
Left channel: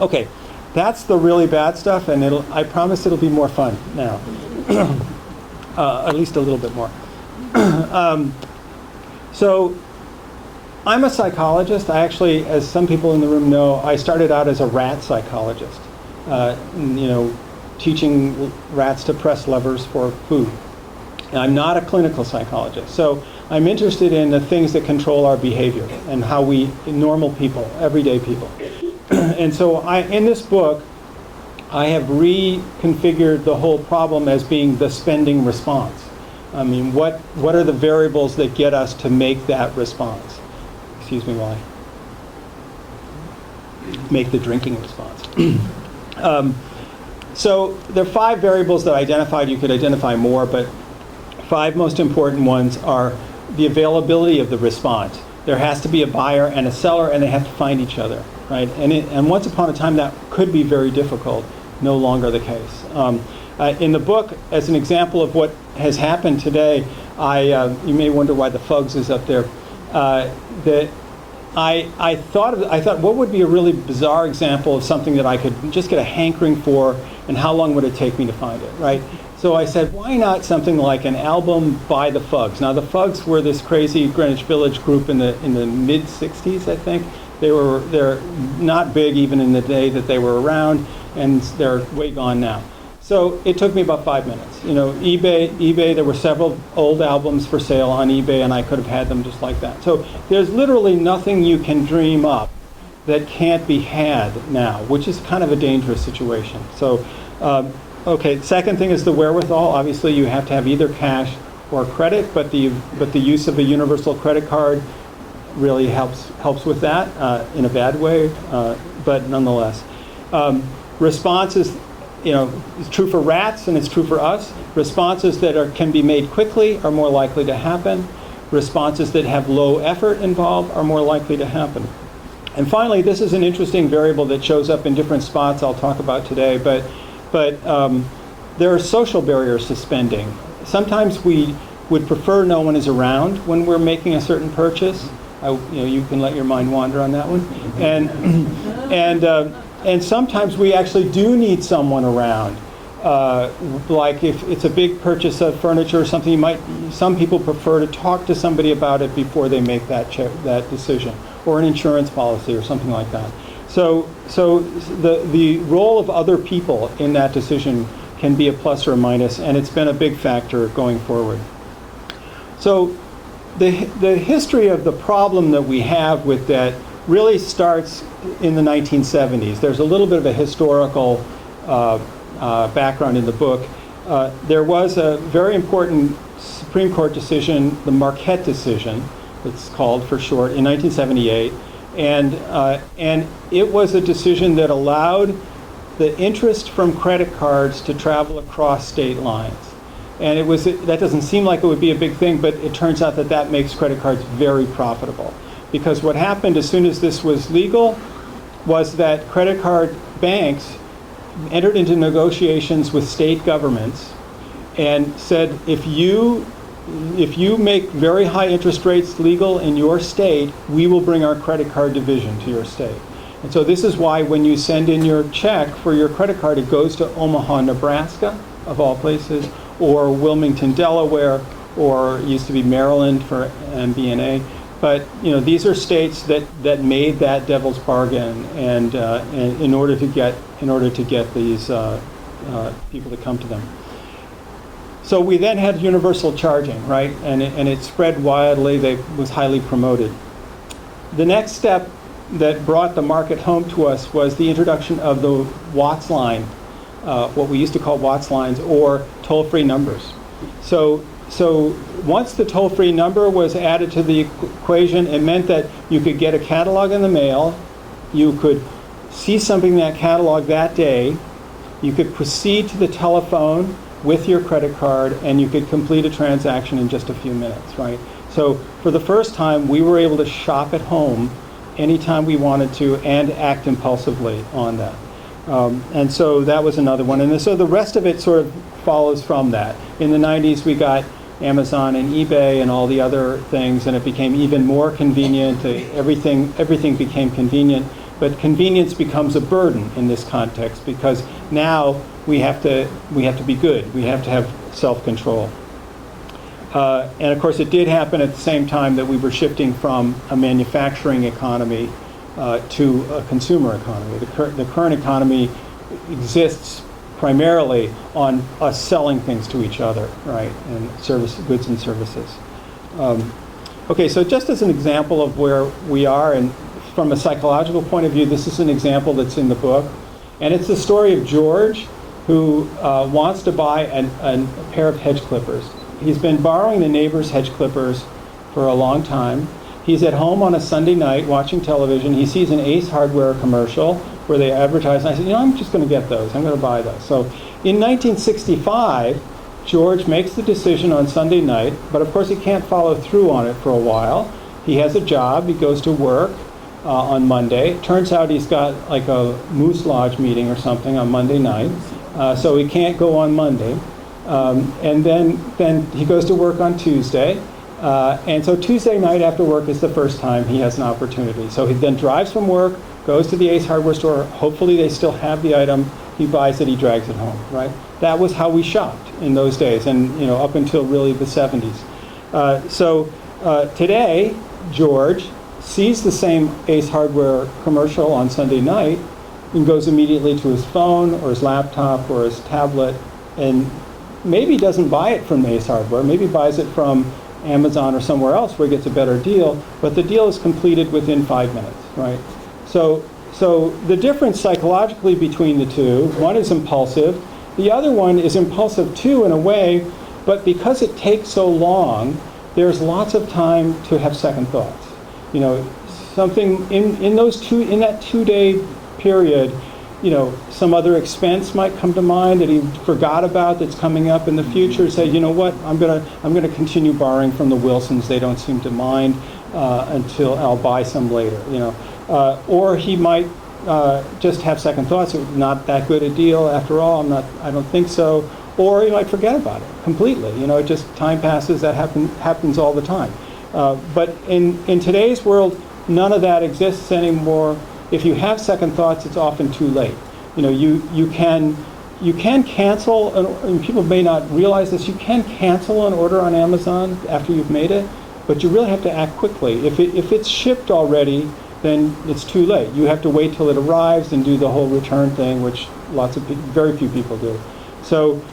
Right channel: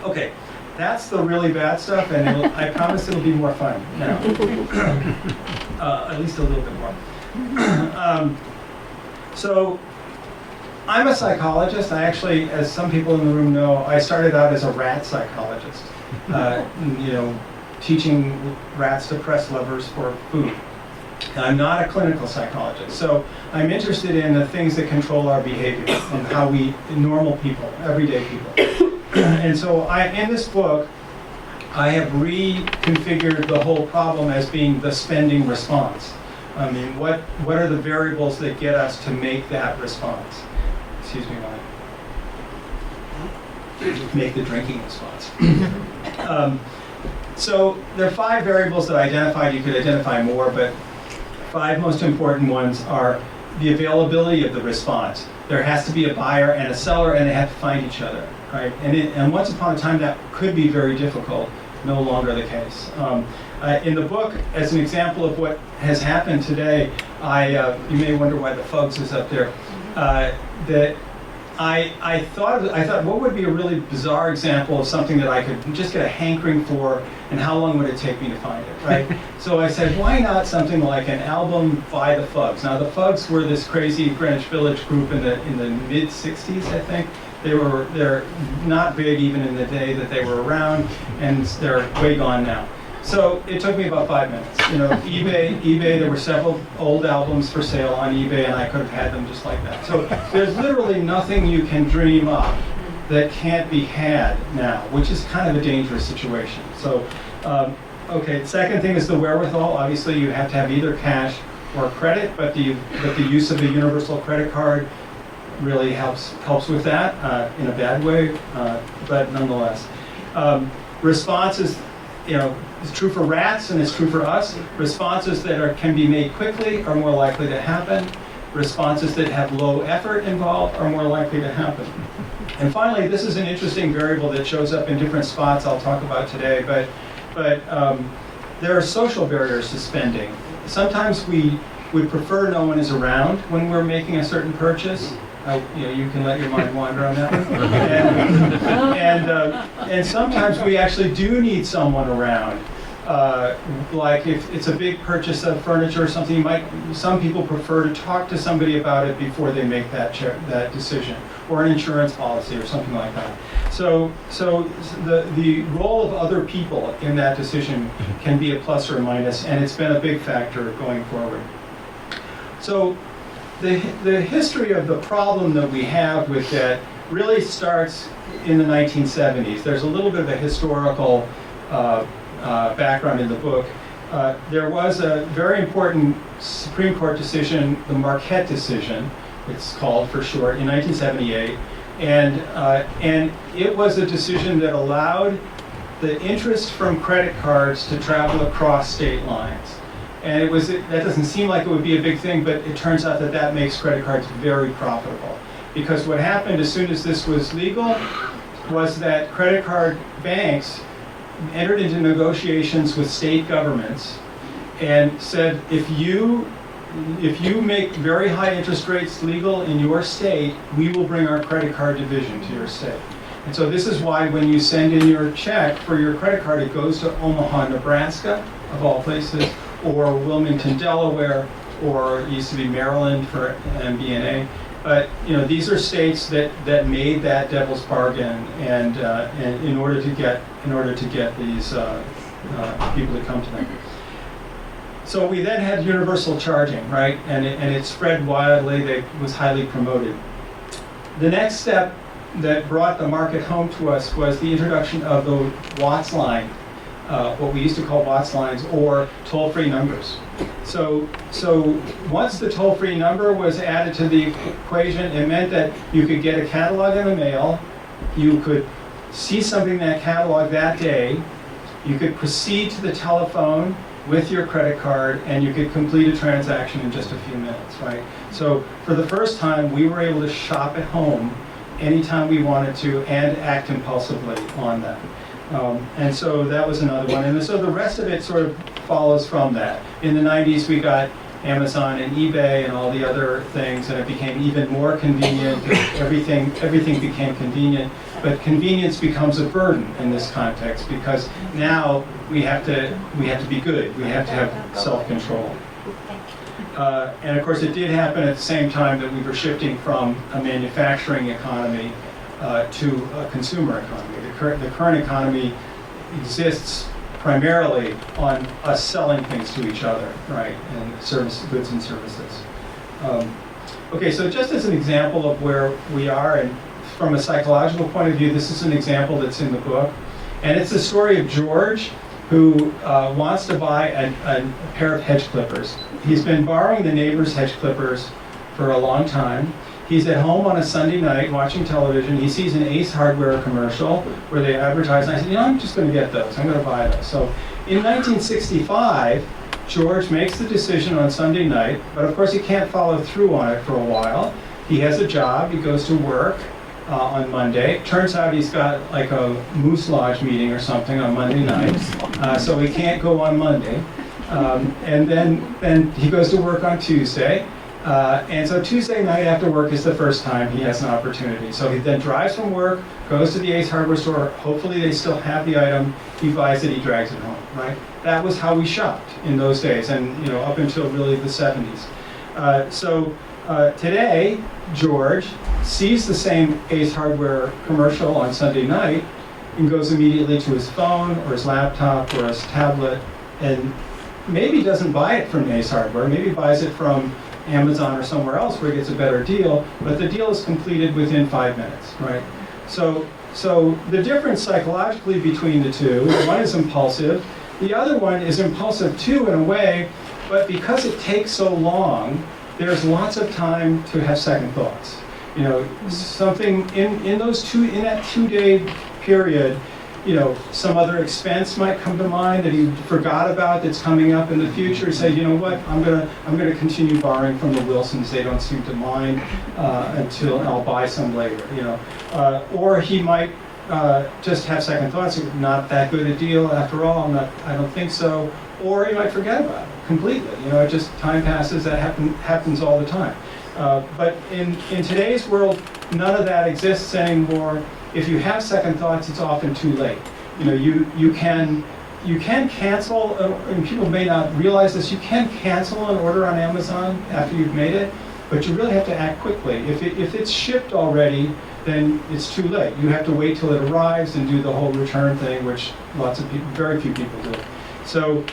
Okay, that's the really bad stuff, and I promise it'll be more fun now. At least a little bit more. So I'm a psychologist. I actually, as some people in the room know, I started out as a rat psychologist, teaching rats to press levers for food. And I'm not a clinical psychologist, so I'm interested in the things that control our behavior and how we, normal people, everyday people. And so in this book, I have reconfigured the whole problem as being the spending response. I mean, what are the variables that get us to make that response? Excuse me while I make the drinking response. So there are 5 variables that I identified. You could identify more, but 5 most important ones are the availability of the response. There has to be a buyer and a seller, and they have to find each other, right? And once upon a time, that could be very difficult. No longer the case. In the book, as an example of what has happened today, you may wonder why the Fugs is up there. That I thought, what would be a really bizarre example of something that I could just get a hankering for, and how long would it take me to find it, right? So I said, why not something like an album by the Fugs? Now the Fugs were this crazy Greenwich Village group in the mid '60s, I think. They're not big even in the day that they were around, and they're way gone now. So it took me about 5 minutes. eBay, there were several old albums for sale on eBay, and I could have had them just like that. So there's literally nothing you can dream up that can't be had now, which is kind of a dangerous situation. So, okay, second thing is the wherewithal. Obviously, you have to have either cash or credit, but the use of a universal credit card really helps with that in a bad way, but nonetheless. Responses, it's true for rats and it's true for us. Responses that can be made quickly are more likely to happen. Responses that have low effort involved are more likely to happen. And finally, this is an interesting variable that shows up in different spots I'll talk about today, but there are social barriers to spending. Sometimes we would prefer no one is around when we're making a certain purchase. You can let your mind wander on that one. And sometimes we actually do need someone around. Like if it's a big purchase of furniture or something, some people prefer to talk to somebody about it before they make that decision, or an insurance policy or something like that. So the role of other people in that decision can be a plus or a minus, and it's been a big factor going forward. So the history of the problem that we have with debt really starts in the 1970s. There's a little bit of a historical background in the book. There was a very important Supreme Court decision, the Marquette decision, it's called for short, in 1978. And it was a decision that allowed the interest from credit cards to travel across state lines. And that doesn't seem like it would be a big thing, but it turns out that makes credit cards very profitable. Because what happened as soon as this was legal was that credit card banks entered into negotiations with state governments and said, if you make very high interest rates legal in your state, we will bring our credit card division to your state. And so this is why when you send in your check for your credit card, it goes to Omaha, Nebraska, of all places, or Wilmington, Delaware, or it used to be Maryland for MBNA. But these are states that made that devil's bargain, and in order to get these people to come to them. So we then had universal charging, right? And it spread wildly. It was highly promoted. The next step that brought the market home to us was the introduction of the Watts line, what we used to call Watts lines, or toll-free numbers. So once the toll-free number was added to the equation, it meant that you could get a catalog in the mail, you could see something in that catalog that day, you could proceed to the telephone with your credit card, and you could complete a transaction in just a few minutes, right? So for the first time, we were able to shop at home anytime we wanted to and act impulsively on that. And so that was another one. And so the rest of it sort of follows from that. In the 90s, we got Amazon and eBay and all the other things, and it became even more convenient. Everything became convenient. But convenience becomes a burden in this context, because now we have to be good. We have to have self-control. And of course, it did happen at the same time that we were shifting from a manufacturing economy to a consumer economy. The current economy exists primarily on us selling things to each other, right, and goods and services. Okay, so just as an example of where we are, and from a psychological point of view, this is an example that's in the book, and it's the story of George, who wants to buy a pair of hedge clippers. He's been borrowing the neighbor's hedge clippers for a long time. He's at home on a Sunday night watching television. He sees an Ace Hardware commercial where they advertise, and I said, I'm just going to get those. I'm going to buy those. So in 1965, George makes the decision on Sunday night, but of course he can't follow through on it for a while. He has a job. He goes to work on Monday. Turns out he's got like a Moose Lodge meeting or something on Monday night, so he can't go on Monday. And then he goes to work on Tuesday. And so Tuesday night after work is the first time he has an opportunity. So he then drives from work, goes to the Ace Hardware store. Hopefully they still have the item. He buys it, he drags it home, right? That was how we shopped in those days, and up until really the 70s. So today, George sees the same Ace Hardware commercial on Sunday night and goes immediately to his phone or his laptop or his tablet, and maybe doesn't buy it from Ace Hardware, maybe buys it from Amazon or somewhere else where he gets a better deal, but the deal is completed within 5 minutes, right? So the difference psychologically between the two, one is impulsive, the other one is impulsive too in a way, but because it takes so long, there's lots of time to have second thoughts. Something in that 2-day period, some other expense might come to mind that he forgot about that's coming up in the future. Say, what, I'm gonna continue borrowing from the Wilsons. They don't seem to mind until I'll buy some later. Or he might just have second thoughts. Not that good a deal after all. I don't think so. Or he might forget about it completely. Just time passes. That happens all the time. But in today's world, none of that exists anymore. If you have second thoughts, it's often too late. You can cancel, and people may not realize this, you can cancel an order on Amazon after you've made it, but you really have to act quickly. If it's shipped already, then it's too late. You have to wait till it arrives and do the whole return thing, which very few people do. So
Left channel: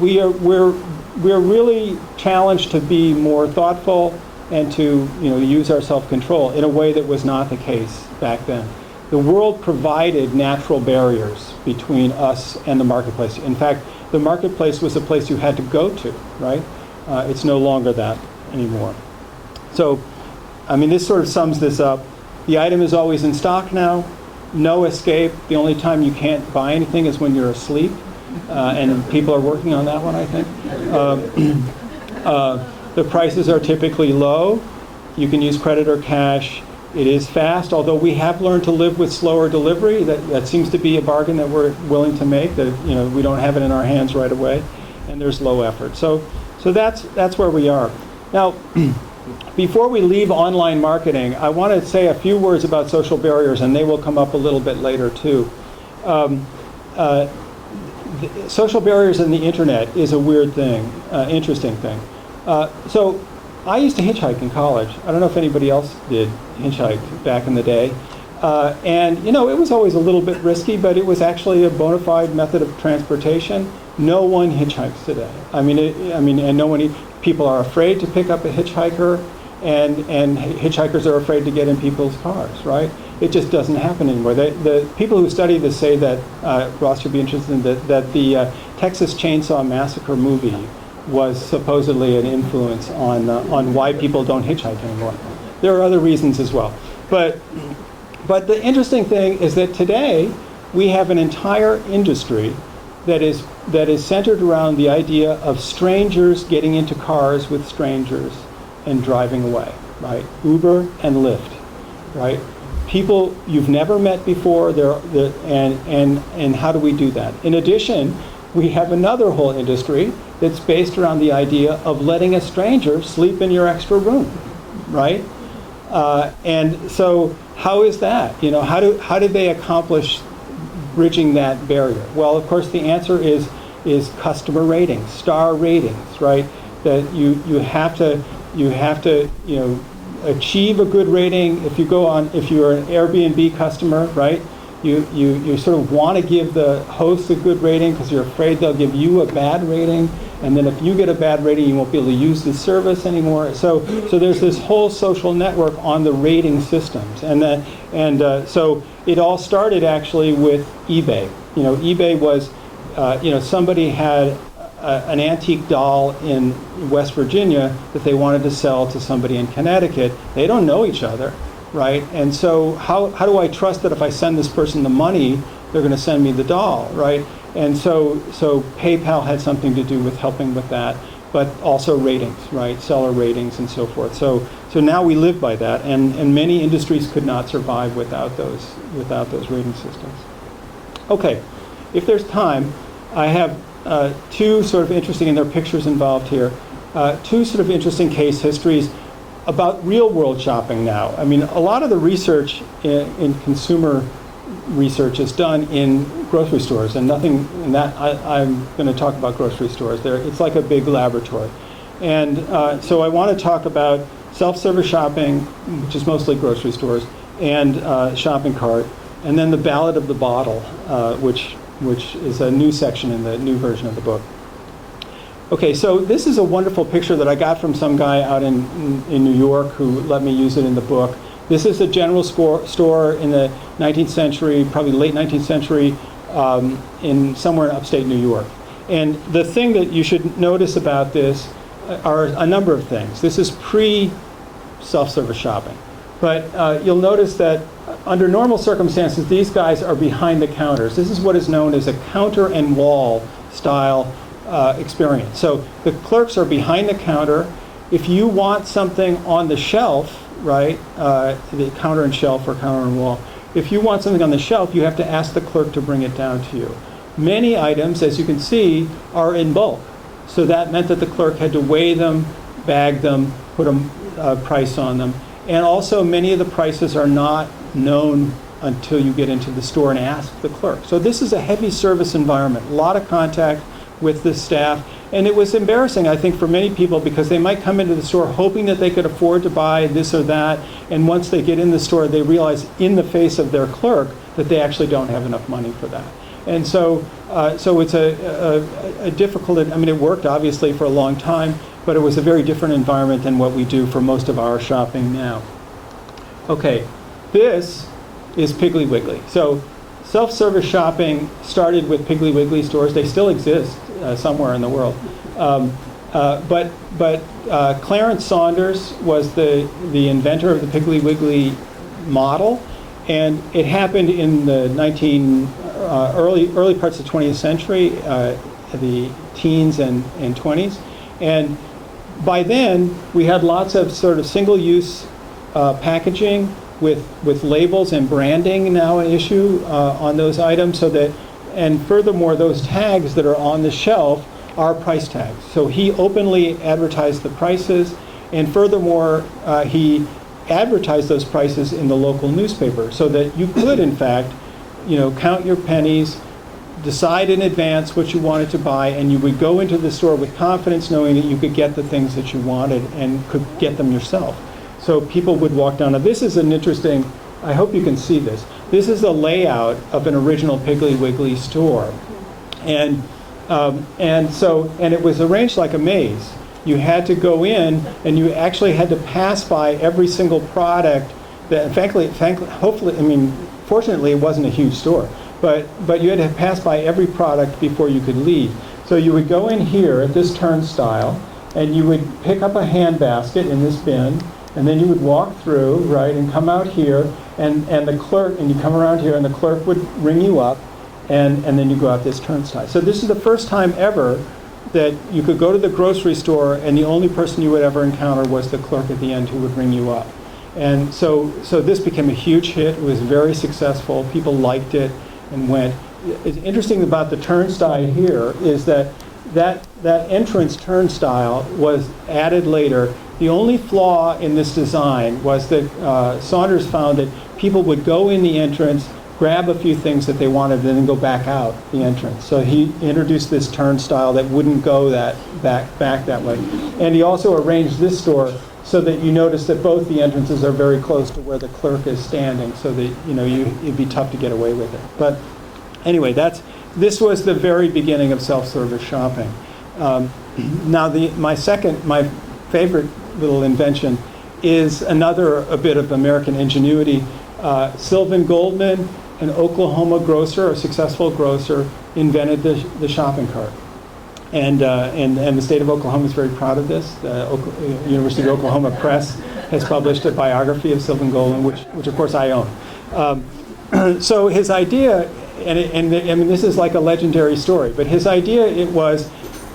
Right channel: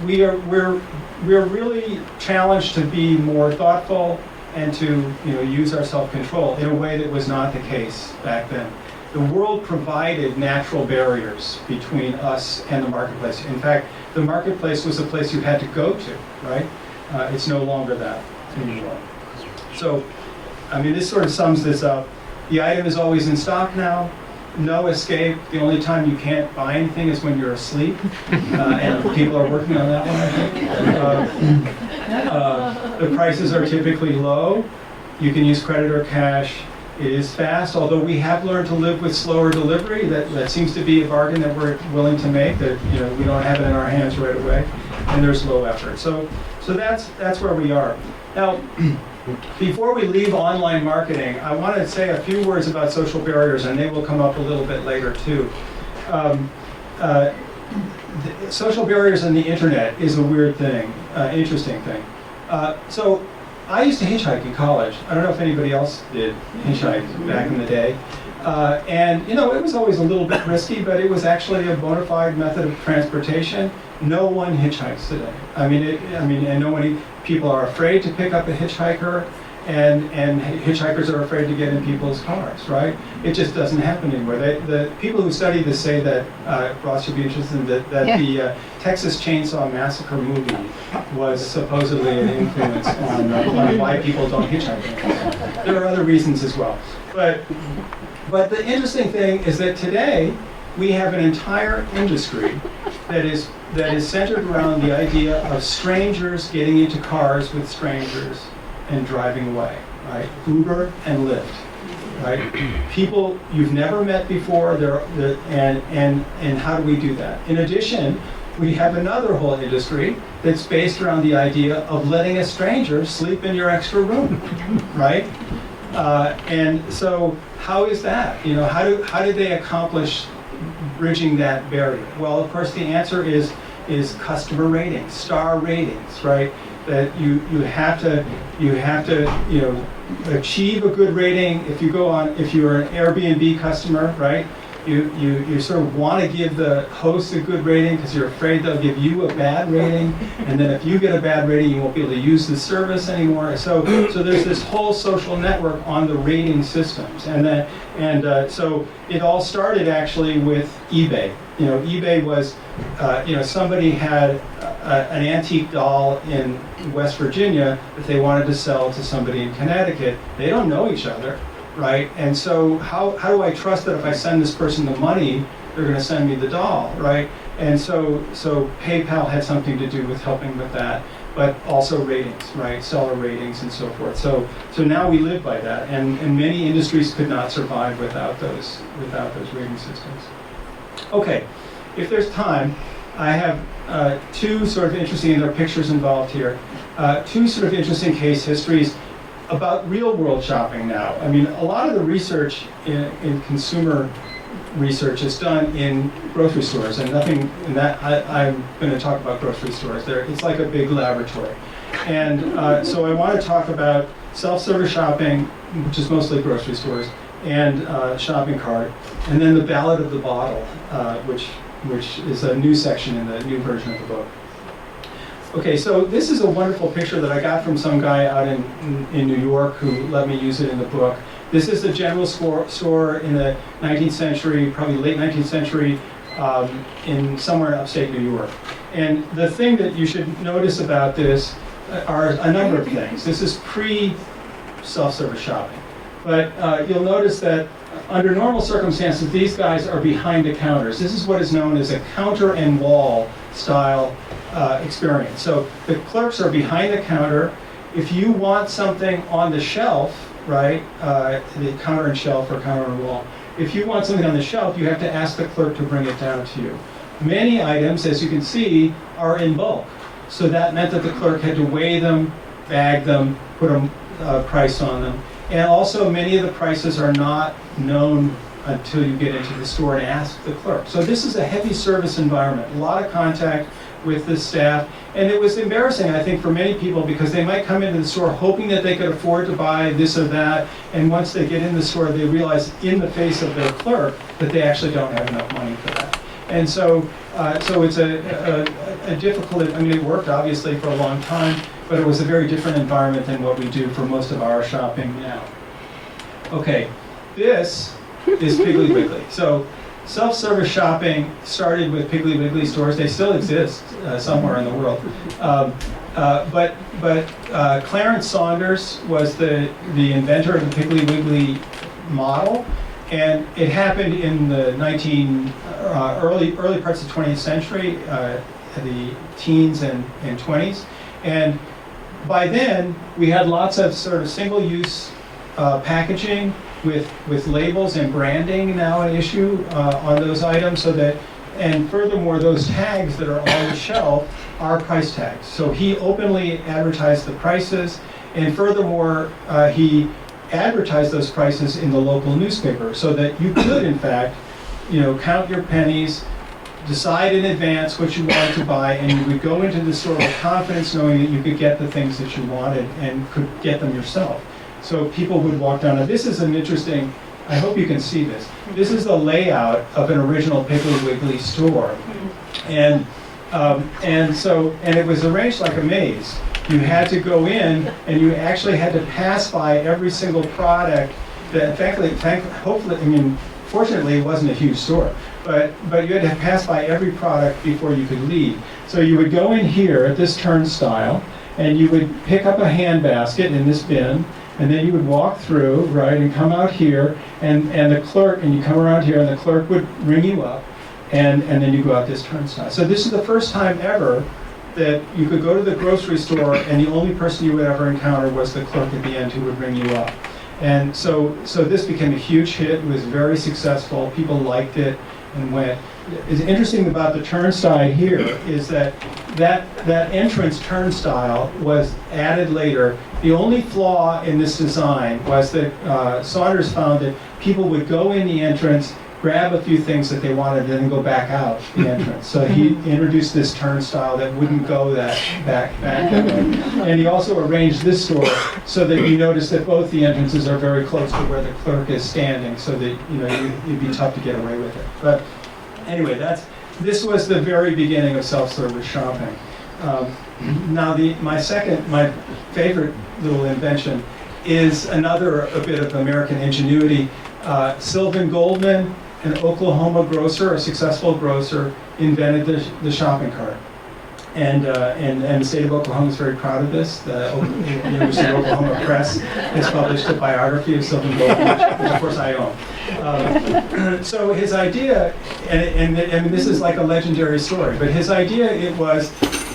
we're really challenged to be more thoughtful and to use our self-control in a way that was not the case back then. The world provided natural barriers between us and the marketplace. In fact, the marketplace was a place you had to go to, right? It's no longer that anymore. So, this sort of sums this up. The item is always in stock now. No escape. The only time you can't buy anything is when you're asleep. And people are working on that one, I think. The prices are typically low. You can use credit or cash. It is fast, although we have learned to live with slower delivery. That seems to be a bargain that we're willing to make, that we don't have it in our hands right away. And there's low effort. So that's where we are. Now, before we leave online marketing, I want to say a few words about social barriers, and they will come up a little bit later too. Social barriers in the internet is a weird thing, interesting thing. So I used to hitchhike in college. I don't know if anybody else did hitchhike back in the day. And it was always a little bit risky, but it was actually a bona fide method of transportation. No one hitchhikes today. And people are afraid to pick up a hitchhiker, and hitchhikers are afraid to get in people's cars, right? It just doesn't happen anymore. The people who study this say that, Ross should be interested in that the Texas Chainsaw Massacre movie was supposedly an influence on why people don't hitchhike anymore. There are other reasons as well. But the interesting thing is that today we have an entire industry that is centered around the idea of strangers getting into cars with strangers and driving away, right? Uber and Lyft. right? People you've never met before, and how do we do that? In addition, we have another whole industry that's based around the idea of letting a stranger sleep in your extra room, right? And so how is that? You know, how did they accomplish bridging that barrier? Well, of course, the answer is customer ratings, star ratings, right? That you have to achieve a good rating. If you're an Airbnb customer, right? You sort of want to give the host a good rating because you're afraid they'll give you a bad rating, and then if you get a bad rating, you won't be able to use the service anymore. So there's this whole social network on the rating systems, so it all started actually with eBay. You know, eBay was, somebody had an antique doll in West Virginia that they wanted to sell to somebody in Connecticut. They don't know each other. Right, and so how do I trust that if I send this person the money, they're going to send me the doll, right? And so PayPal had something to do with helping with that, but also ratings, right? Seller ratings and so forth. So now we live by that, and many industries could not survive without those rating systems. Okay, if there's time, I have two sort of interesting, and there are pictures involved here, two sort of interesting case histories about real-world shopping now. I mean, a lot of the research in consumer research is done in grocery stores, and nothing in that. I'm going to talk about grocery stores. It's like a big laboratory. And so I want to talk about self-service shopping, which is mostly grocery stores, and shopping cart, and then the Ballad of the Bottle, which is a new section in the new version of the book. Okay, so this is a wonderful picture that I got from some guy out in New York who let me use it in the book. This is a general store in the 19th century, probably late 19th century, in somewhere in upstate New York. And the thing that you should notice about this are a number of things. This is pre-self-service shopping. But you'll notice that under normal circumstances, these guys are behind the counters. This is what is known as a counter and wall style experience. So the clerks are behind the counter. If you want something on the shelf, right, the counter and shelf or counter and wall, if you want something on the shelf, you have to ask the clerk to bring it down to you. Many items, as you can see, are in bulk. So that meant that the clerk had to weigh them, bag them, put a price on them. And also many of the prices are not known until you get into the store and ask the clerk. So this is a heavy service environment, a lot of contact with the staff. And it was embarrassing, I think, for many people because they might come into the store hoping that they could afford to buy this or that. And once they get in the store, they realize in the face of their clerk that they actually don't have enough money for that. And so it's a difficult, I mean, it worked obviously for a long time, but it was a very different environment than what we do for most of our shopping now. Okay, this is Piggly Wiggly. So self-service shopping started with Piggly Wiggly stores. They still exist somewhere in the world. But Clarence Saunders was the inventor of the Piggly Wiggly model, and it happened in the early parts of the 20th century, the teens and 20s. And by then, we had lots of sort of single-use packaging with labels and branding now an issue on those items, and furthermore, those tags that are on the shelf are price tags. So he openly advertised the prices, and furthermore, he advertised those prices in the local newspaper so that you could, in fact, count your pennies, decide in advance what you wanted to buy, and you would go into the store with confidence knowing that you could get the things that you wanted and could get them yourself. So people would walk down. Now this is an interesting, I hope you can see this. This is a layout of an original Piggly Wiggly store. And it was arranged like a maze. You had to go in and you actually had to pass by every single product that, fortunately it wasn't a huge store, but you had to pass by every product before you could leave. So you would go in here at this turnstile and you would pick up a handbasket in this bin, and then you would walk through, right, and come out here, and the clerk, and you come around here, and the clerk would ring you up, and then you go out this turnstile. So this is the first time ever that you could go to the grocery store, and the only person you would ever encounter was the clerk at the end who would ring you up. And so this became a huge hit. It was very successful. People liked it and went. It's interesting about the turnstile here is that entrance turnstile was added later. The only flaw in this design was that Saunders found that people would go in the entrance, grab a few things that they wanted, and then go back out the entrance. So he introduced this turnstile that wouldn't go that back that way. And he also arranged this door so that you notice that both the entrances are very close to where the clerk is standing, so that it'd be tough to get away with it. But anyway, this was the very beginning of self-service shopping. Now, my favorite little invention is a bit of American ingenuity. Sylvan Goldman, an Oklahoma grocer, a successful grocer, invented the shopping cart. And the state of Oklahoma is very proud of this. The University of Oklahoma Press has published a biography of Sylvan Goldman, which of course I own. So his idea, and this is like a legendary story, but his idea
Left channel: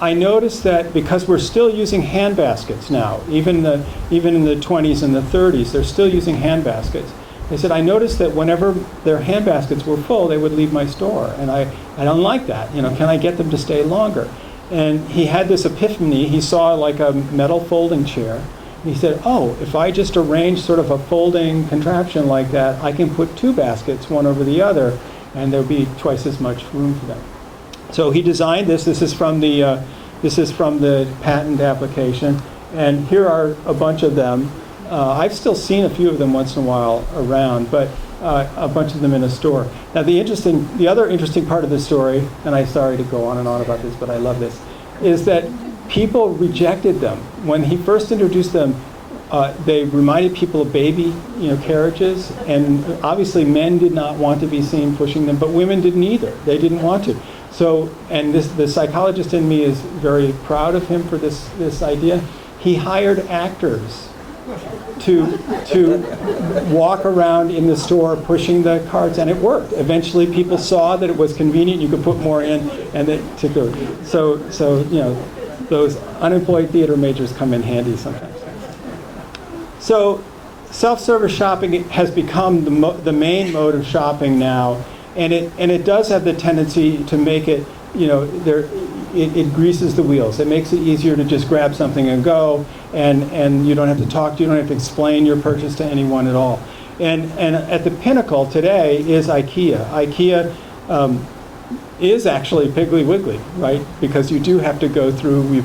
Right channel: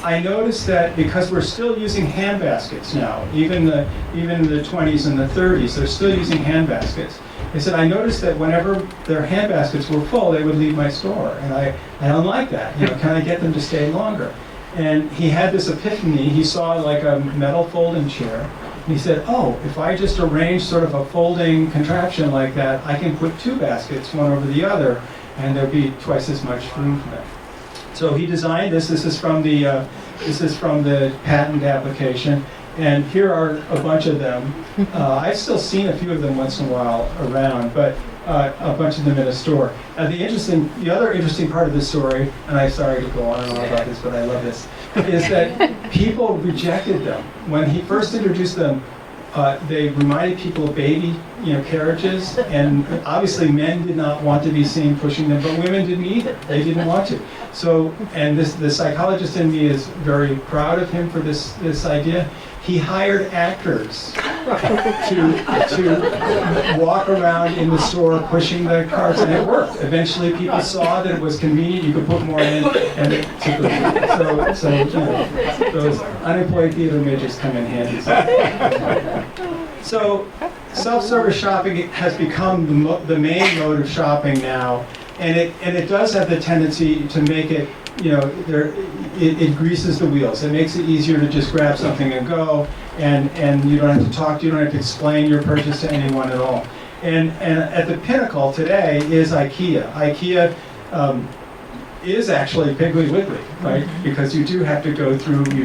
I noticed that because we're still using hand baskets now, even in the 20s and the 30s, they're still using hand baskets. They said, I noticed that whenever their hand baskets were full, they would leave my store, and I don't like that. Can I get them to stay longer? And he had this epiphany. He saw like a metal folding chair. He said, oh, if I just arrange sort of a folding contraption like that, I can put two baskets, one over the other, and there'll be twice as much room for them. So he designed this. This is from the patent application, and here are a bunch of them. I've still seen a few of them once in a while around, but a bunch of them in a store. Now the other interesting part of the story, and I'm sorry to go on and on about this, but I love this, is that people rejected them. When he first introduced them, they reminded people of baby carriages, and obviously men did not want to be seen pushing them, but women didn't either. They didn't want to. So, and the psychologist in me is very proud of him for this idea. He hired actors to walk around in the store pushing the carts, and it worked. Eventually, people saw that it was convenient. You could put more in, and it took over. So those unemployed theater majors come in handy. So self-service shopping has become the main mode of shopping now, and it does have the tendency to make it, it greases the wheels. It makes it easier to just grab something and go, and you don't have to talk, you don't have to explain your purchase to anyone at all. And at the pinnacle today is IKEA. IKEA is actually Piggly Wiggly, right? Because you do have to go through, if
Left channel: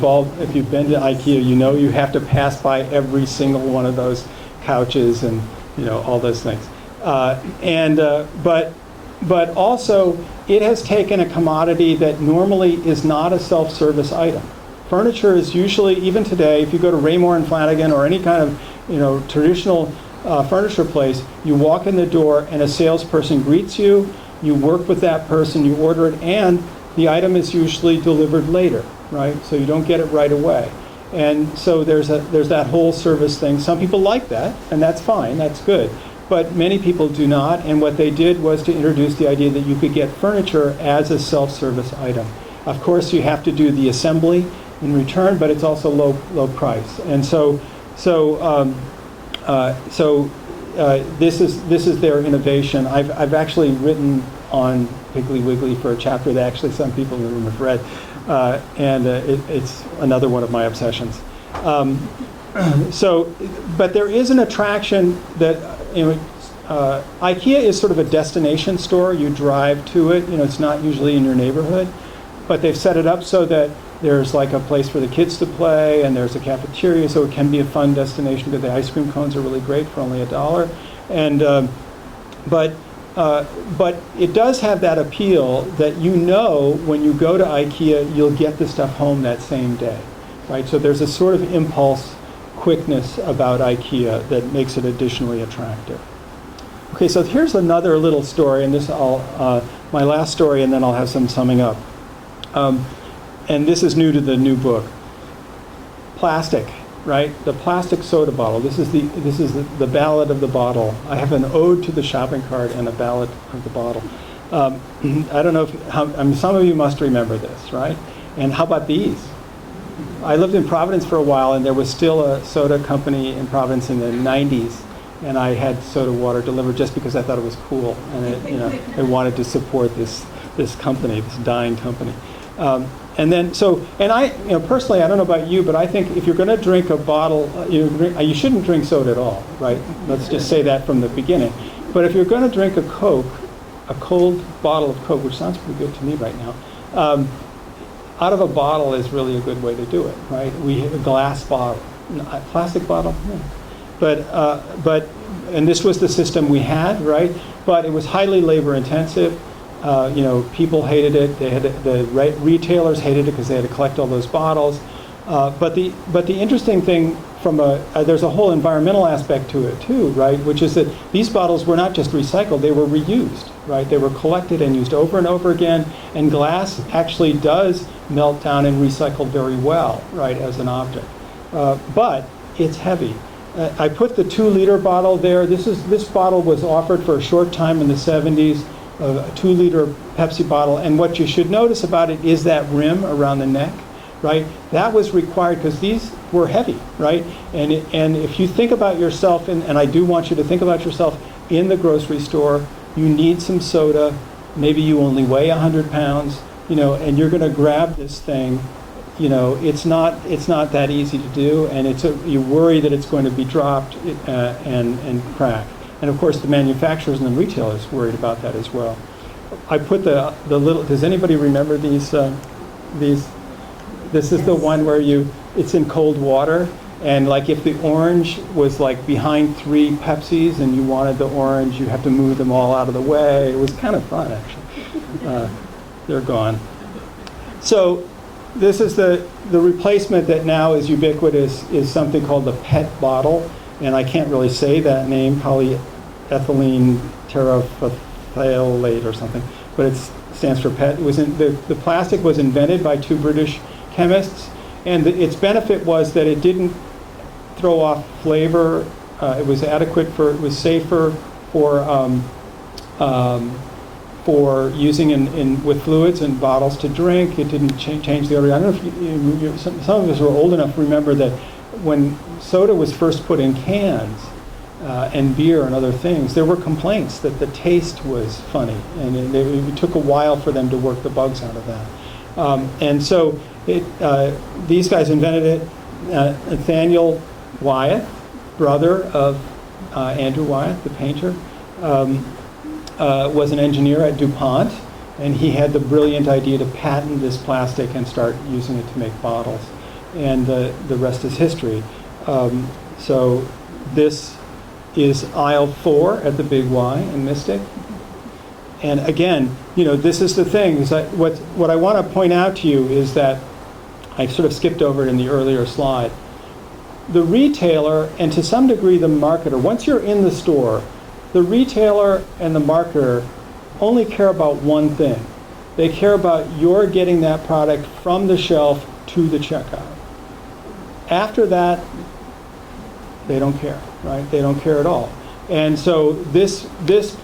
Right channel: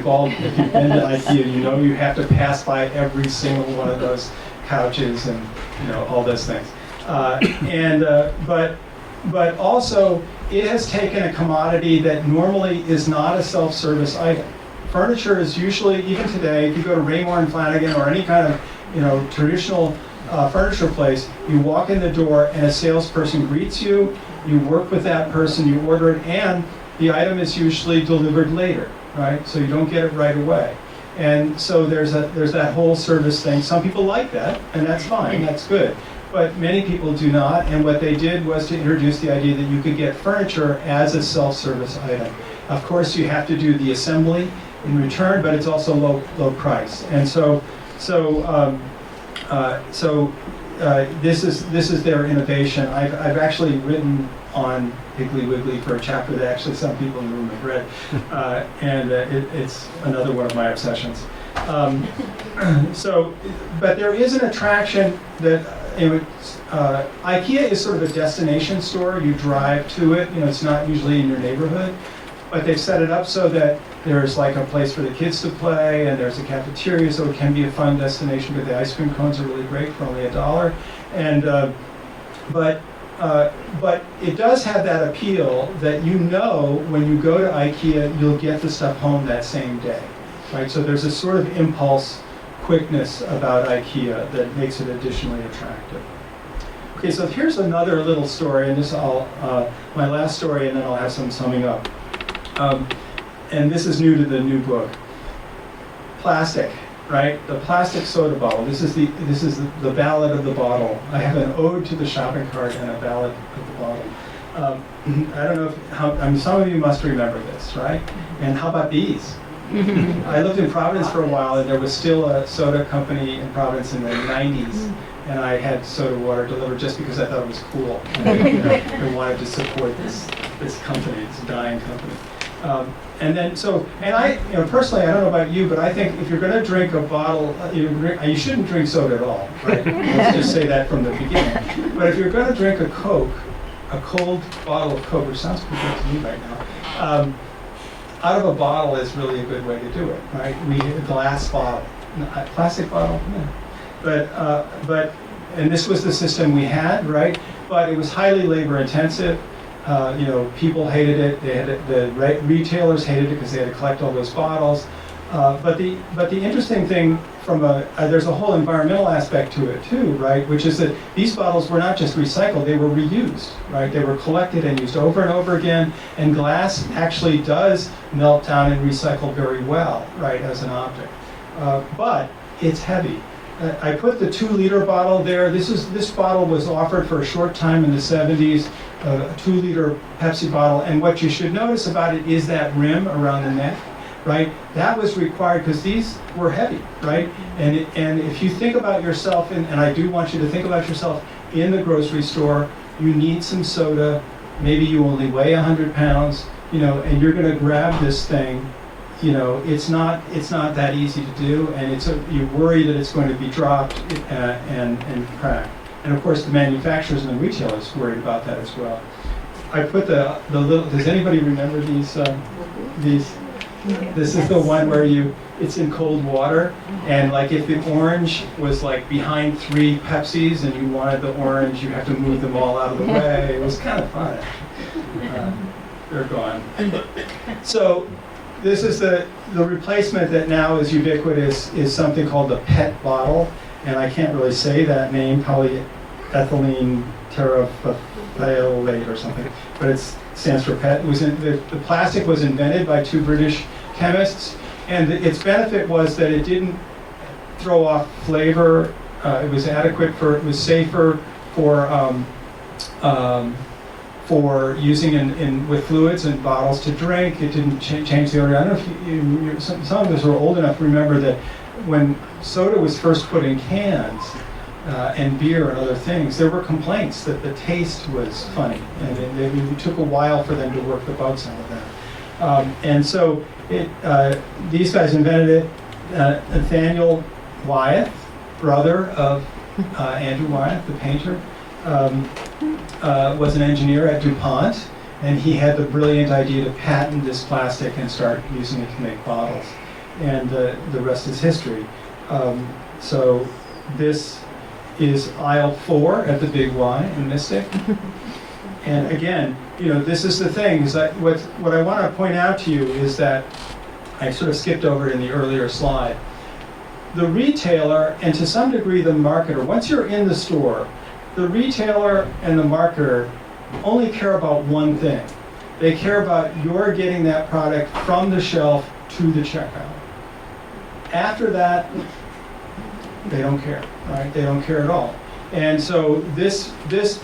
you've been to IKEA, you have to pass by every single one of those couches and all those things. But also, it has taken a commodity that normally is not a self-service item. Furniture is usually, even today, if you go to Remorse and Flanagan or any kind of traditional furniture place, you walk in the door and a salesperson greets you, you work with that person, you order it, and the item is usually delivered later, right? So you don't get it right away. And so there's that whole service thing. Some people like that, and that's fine, that's good. But many people do not, and what they did was to introduce the idea that you could get furniture as a self-service item. Of course, you have to do the assembly in return, but it's also low price. And this is their innovation. I've actually written on Piggly Wiggly for a chapter that actually some people in the room have read, and it's another one of my obsessions. But there is an attraction that. IKEA is sort of a destination store. You drive to it. It's not usually in your neighborhood, but they've set it up so that there's like a place for the kids to play, and there's a cafeteria, so it can be a fun destination. Because the ice cream cones are really great for only $1. And but it does have that appeal that when you go to IKEA, you'll get the stuff home that same day, right? So there's a sort of impulse quickness about IKEA that makes it additionally attractive. Okay, so here's another little story, and this my last story, and then I'll have some summing up. And this is new to the new book. Plastic, right? The plastic soda bottle. This is the Ballad of the bottle. I have an ode to the shopping cart and a ballad of the bottle. I don't know some of you must remember this, right? And how about these? I lived in Providence for a while, and there was still a soda company in Providence in the 90s. and I had soda water delivered just because I thought it was cool, and I wanted to support this company, this dying company. And then, I, personally, I don't know about you, but I think if you're going to drink a bottle, you shouldn't drink soda at all, right? Let's just say that from the beginning. But if you're going to drink a Coke, a cold bottle of Coke, which sounds pretty good to me right now, out of a bottle is really a good way to do it, right? A glass bottle, a plastic bottle, yeah. But and this was the system we had, right? But it was highly labor intensive. People hated it. The retailers hated it because they had to collect all those bottles. But the interesting thing there's a whole environmental aspect to it too, right? Which is that these bottles were not just recycled; they were reused, right? They were collected and used over and over again. And glass actually does melt down and recycle very well, right, as an object. But it's heavy. I put the 2-liter bottle there. This bottle was offered for a short time in the 70s. A 2-liter Pepsi bottle, and what you should notice about it is that rim around the neck, right? That was required because these were heavy, right? And if you think about yourself, and I do want you to think about yourself in the grocery store, you need some soda, maybe you only weigh 100 pounds, and you're going to grab this thing, it's not that easy to do, and you worry that it's going to be dropped and cracked. And of course, the manufacturers and the retailers worried about that as well. I put the little. Does anybody remember these? This is the one where it's in cold water, and like if the orange was like behind 3 Pepsis and you wanted the orange, you have to move them all out of the way. It was kind of fun, actually. They're gone. So this is the replacement that now is ubiquitous is something called the PET bottle. And I can't really say that name, polyethylene terephthalate or something, but it stands for PET. The plastic was invented by 2 British chemists, and its benefit was that it didn't throw off flavor. It was it was safer for using with fluids and bottles to drink. It didn't change the odor. I don't know if some of us are old enough to remember that when soda was first put in cans and beer and other things, there were complaints that the taste was funny, and it took a while for them to work the bugs out of that. And so these guys invented it. Nathaniel Wyeth, brother of Andrew Wyeth, the painter, was an engineer at DuPont, and he had the brilliant idea to patent this plastic and start using it to make bottles. And the rest is history. So this is aisle 4 at the Big Y in Mystic. And again, this is the thing. Is that what I want to point out to you is that I sort of skipped over it in the earlier slide. The retailer, and to some degree the marketer, once you're in the store, the retailer and the marketer only care about one thing. They care about your getting that product from the shelf to the checkout. After that, they don't care, right? They don't care at all. And so this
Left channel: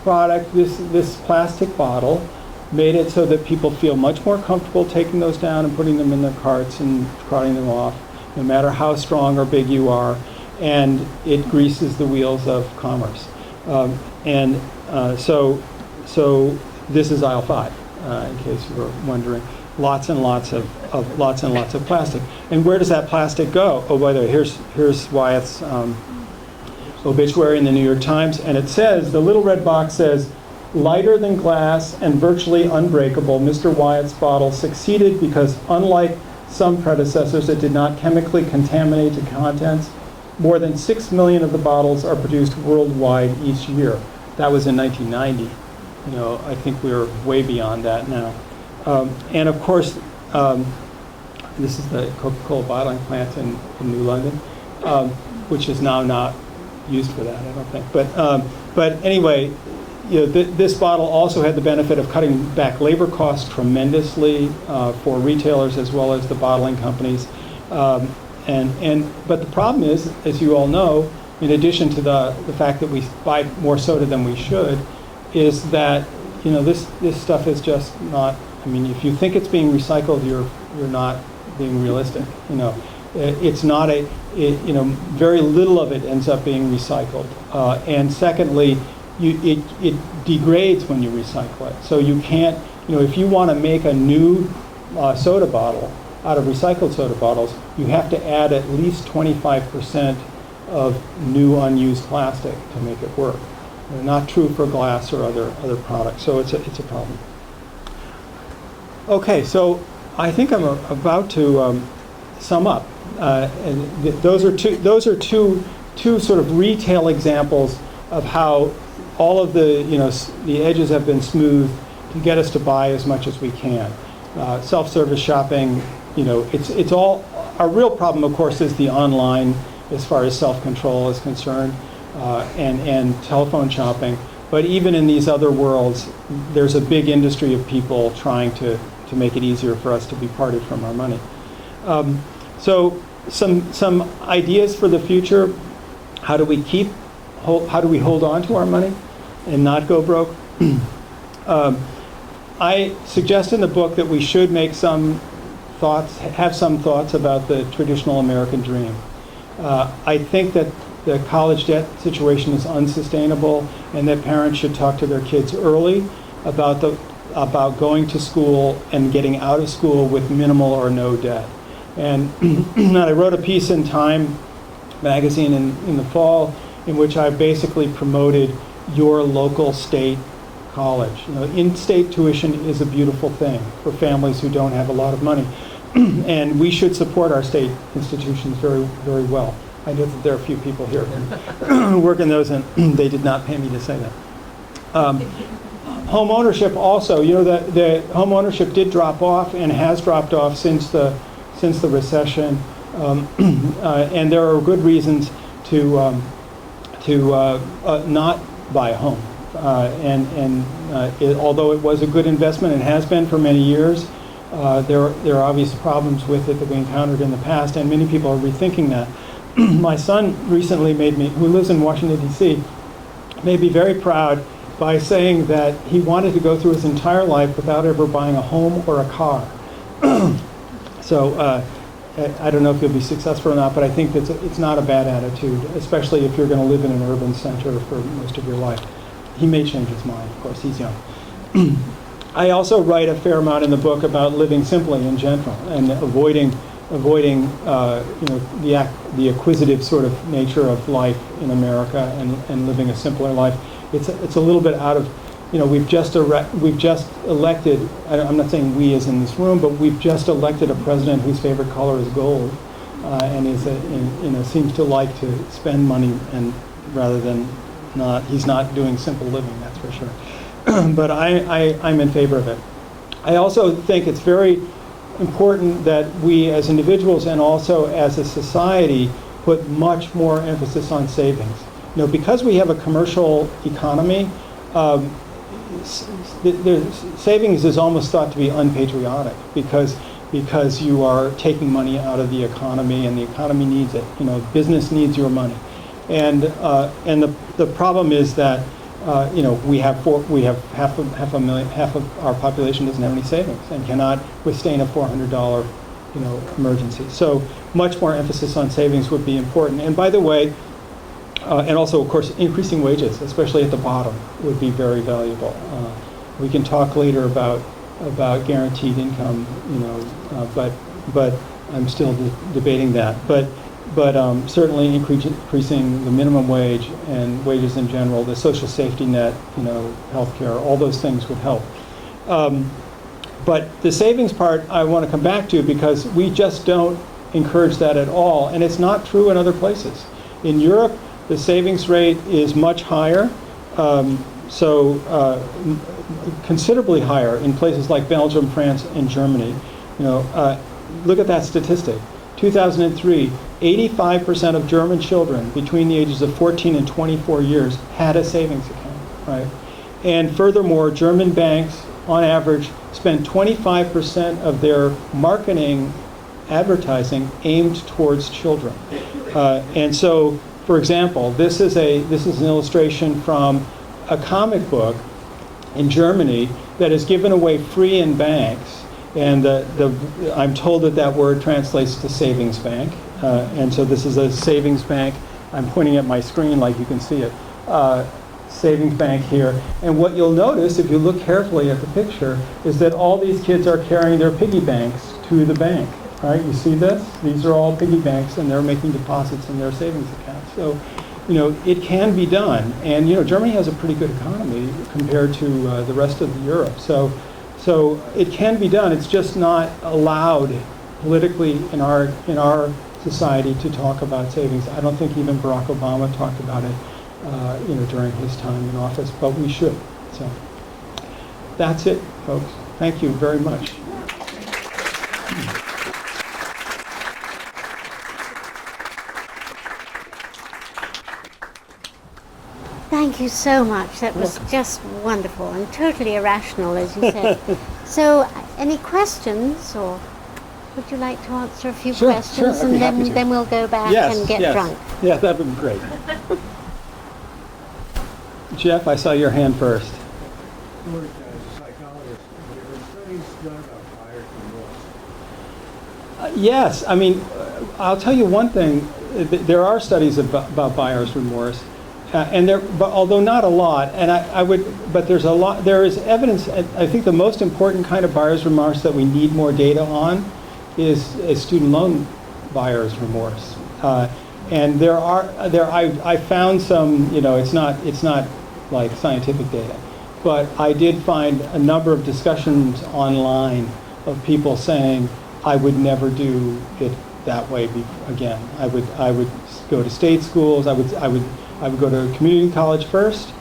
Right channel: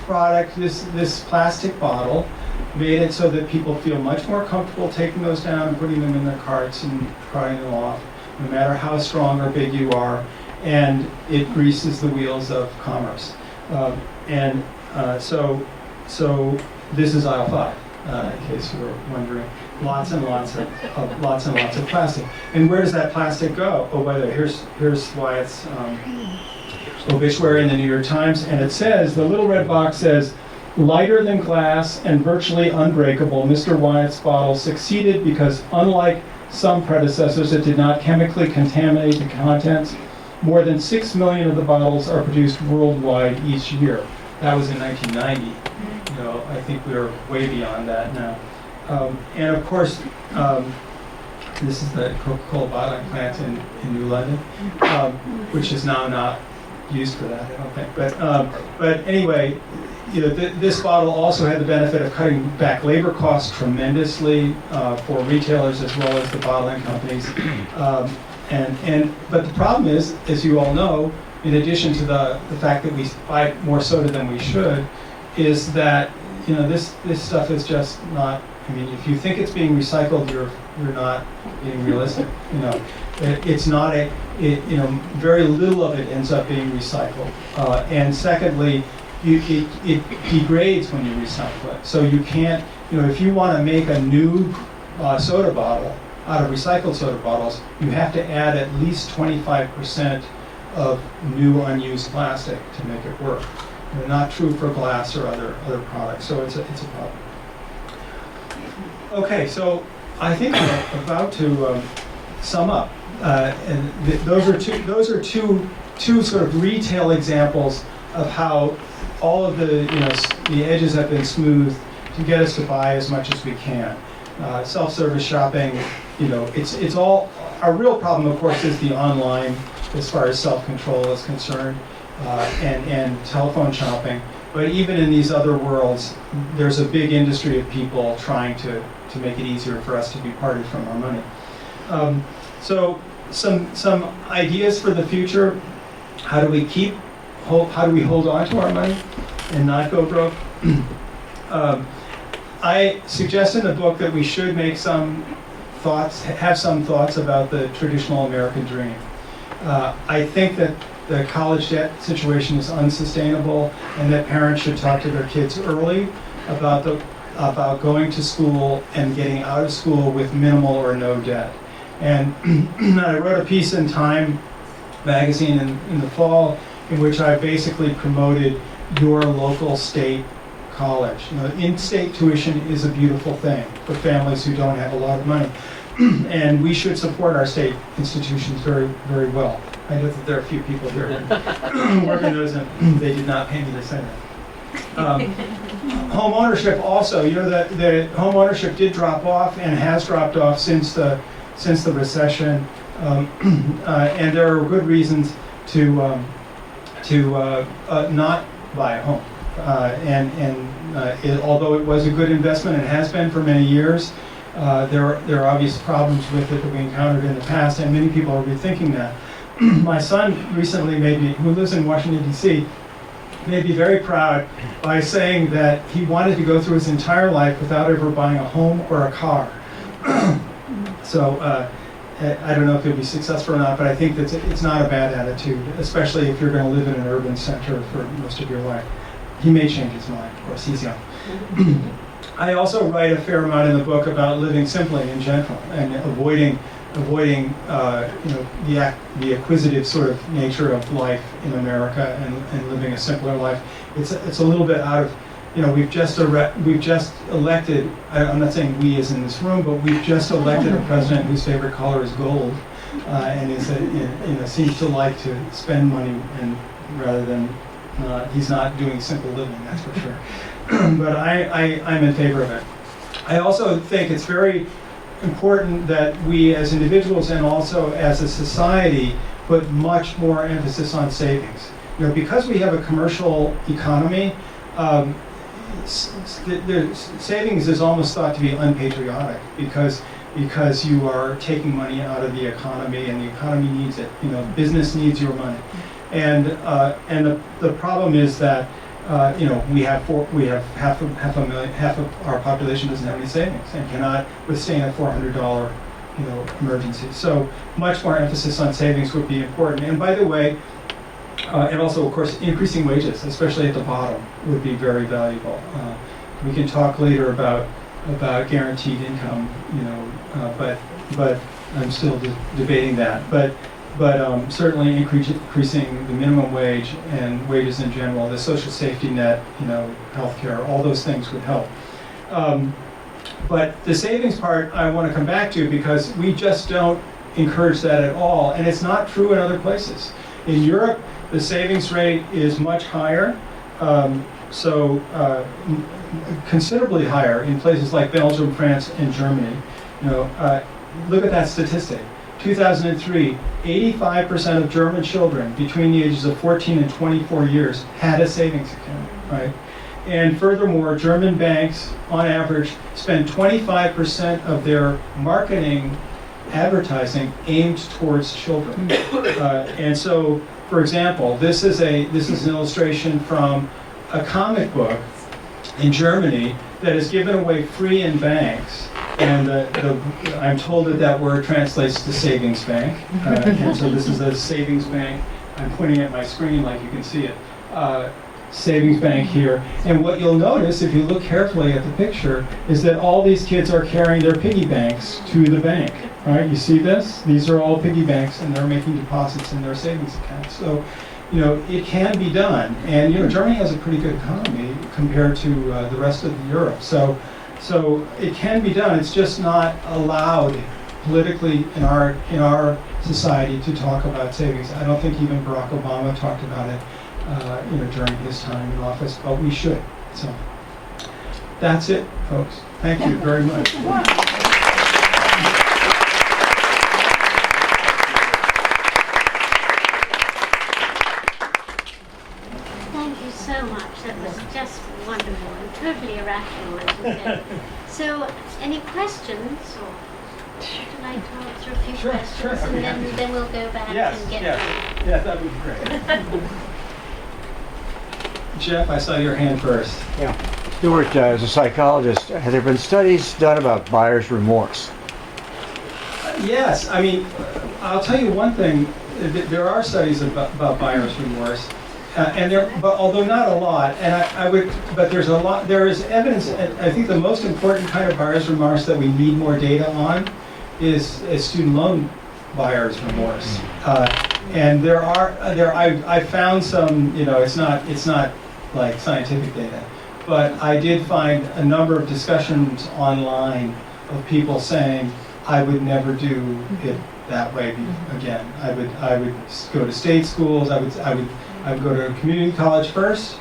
product, this plastic bottle, made it so that people feel much more comfortable taking those down and putting them in their carts and carting them off, no matter how strong or big you are, and it greases the wheels of commerce. So this is aisle 5, in case you were wondering. Lots and lots of plastic. And where does that plastic go? Oh, whether here's Wyatt's obituary in the New York Times, and it says, the little red box says, lighter than glass and virtually unbreakable, Mr. Wyatt's bottle succeeded because, unlike some predecessors, it did not chemically contaminate the contents. More than 6 million of the bottles are produced worldwide each year. That was in 1990. I think we're way beyond that now. And of course, this is the Coca-Cola bottling plant in New London, which is now not used for that, I don't think. But anyway, this bottle also had the benefit of cutting back labor costs tremendously for retailers as well as the bottling companies. But the problem is, as you all know, in addition to the fact that we buy more soda than we should, is that this stuff is just not. I mean, if you think it's being recycled, you're not being realistic. it's not very little of it ends up being recycled. And secondly, it degrades when you recycle it. So you can't, if you want to make a new soda bottle out of recycled soda bottles, you have to add at least 25% of new unused plastic to make it work. Not true for glass or other products, so it's a problem. Okay, so I think I'm about to sum up. And those are two sort of retail examples of how all of the edges have been smoothed to get us to buy as much as we can. Self-service shopping, it's all. Our real problem, of course, is the online, as far as self-control is concerned, and telephone shopping. But even in these other worlds, there's a big industry of people trying to make it easier for us to be parted from our money. So some ideas for the future. How do we hold on to our money and not go broke? I suggest in the book that we should have some thoughts about the traditional American dream. I think that the college debt situation is unsustainable, and that parents should talk to their kids early about going to school and getting out of school with minimal or no debt. And I wrote a piece in Time magazine in the fall in which I basically promoted your local state college. In-state tuition is a beautiful thing for families who don't have a lot of money. And we should support our state institutions very, very well. I know that there are a few people here who work in those, and they did not pay me to say that. Home ownership also, that the home ownership did drop off and has dropped off since the recession, and there are good reasons to not buy a home. Although it was a good investment and has been for many years, there are obvious problems with it that we encountered in the past, and many people are rethinking that. My son recently who lives in Washington, D.C., made me very proud by saying that he wanted to go through his entire life without ever buying a home or a car. So I don't know if he'll be successful or not, but I think it's not a bad attitude, especially if you're going to live in an urban center for most of your life. He may change his mind, of course, he's young. I also write a fair amount in the book about living simply in general and avoiding the acquisitive sort of nature of life in America and living a simpler life. It's a little bit out of, we've just elected, I'm not saying we as in this room, but we've just elected a president whose favorite color is gold, and seems to like to spend money and rather than not. He's not doing simple living, that's for sure. But I'm in favor of it. I also think it's very important that we as individuals and also as a society put much more emphasis on savings. Because we have a commercial economy, savings is almost thought to be unpatriotic because you are taking money out of the economy and the economy needs it. Business needs your money, and the problem is that we have half of our population doesn't have any savings and cannot withstand a $400 emergency. So much more emphasis on savings would be important. And by the way, and also of course increasing wages, especially at the bottom, would be very valuable. We can talk later about guaranteed income, but I'm still debating that. But certainly increasing the minimum wage and wages in general, the social safety net, healthcare, all those things would help. But the savings part I want to come back to because we just don't encourage that at all, and it's not true in other places. In Europe, the savings rate is much higher, considerably higher in places like Belgium, France, and Germany. Look at that statistic. 2003, 85% of German children between the ages of 14 and 24 years had a savings account, right? And furthermore, German banks, on average, spend 25% of their marketing advertising aimed towards children. And so, for example, this is an illustration from a comic book in Germany that is given away free in banks And I'm told that word translates to savings bank. And so this is a savings bank. I'm pointing at my screen like you can see it. Savings bank here. And what you'll notice if you look carefully at the picture is that all these kids are carrying their piggy banks to the bank. Right? You see this? These are all piggy banks, and they're making deposits in their savings accounts. So, it can be done. And, Germany has a pretty good economy compared to the rest of Europe. So it can be done. It's just not allowed politically in our society to talk about savings. I don't think even Barack Obama talked about it, during his time in office, but we should. So that's it, folks. Thank you very much. Thank you so much. That was just wonderful and totally irrational, as you said. So, any questions, or would you like to answer a few questions, I'd be happy to. then we'll go back and get drunk? Yeah, that would be great. Jeff, I saw your hand first. Yeah. Stuart, as a psychologist, have there been studies done about buyer's remorse? Yes, I mean, I'll tell you one thing. There are studies about buyer's remorse. But although not a lot, but there's a lot. There is evidence. I think the most important kind of buyer's remorse that we need more data on is student loan buyer's remorse. And I found some. It's not like scientific data, but I did find a number of discussions online of people saying, I would never do it that way again. I would go to state schools. I would go to a community college first,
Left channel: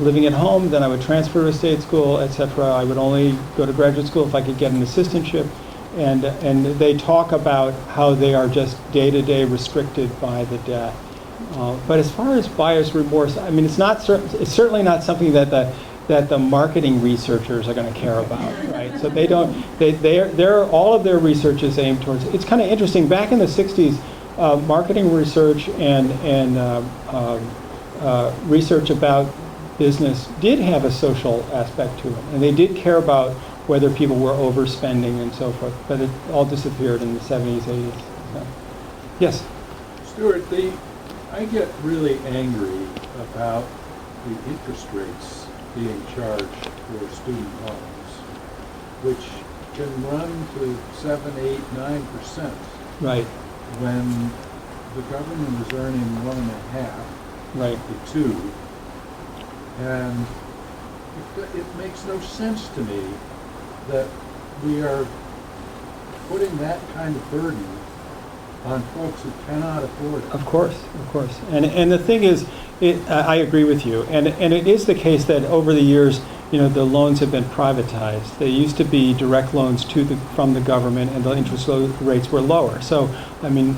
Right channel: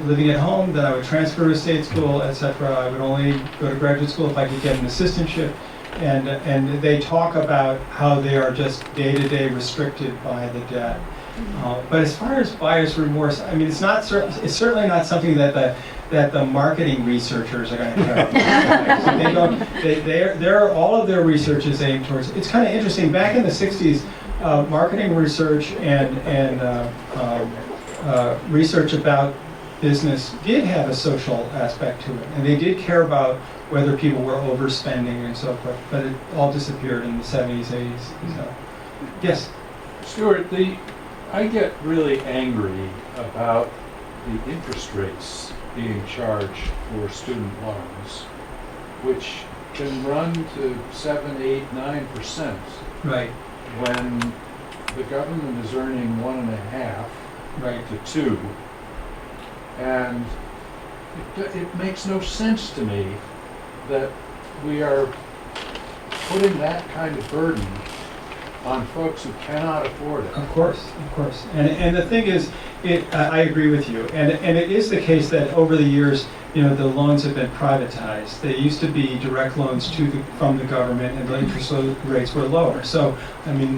living at home, then I would transfer to a state school, etc. I would only go to graduate school if I could get an assistantship. And they talk about how they are just day-to-day restricted by the debt. But as far as buyer's remorse, I mean, it's certainly not something that the marketing researchers are going to care about. So they're all of their research is aimed towards. It's kind of interesting. Back in the '60s, marketing research and research about business did have a social aspect to it, and they did care about whether people were overspending and so forth. But it all disappeared in the '70s, '80s. So. Yes. Stuart, I get really angry about the interest rates being charged for student loans, which can run to 7, 8, 9%. Right. When the government is earning 1.5 to 2, and it makes no sense to me that we are putting that kind of burden on folks who cannot afford it. Of course. And the thing is, I agree with you. And it is the case that over the years, the loans have been privatized. They used to be direct loans from the government, and the interest rates were lower. So, I mean,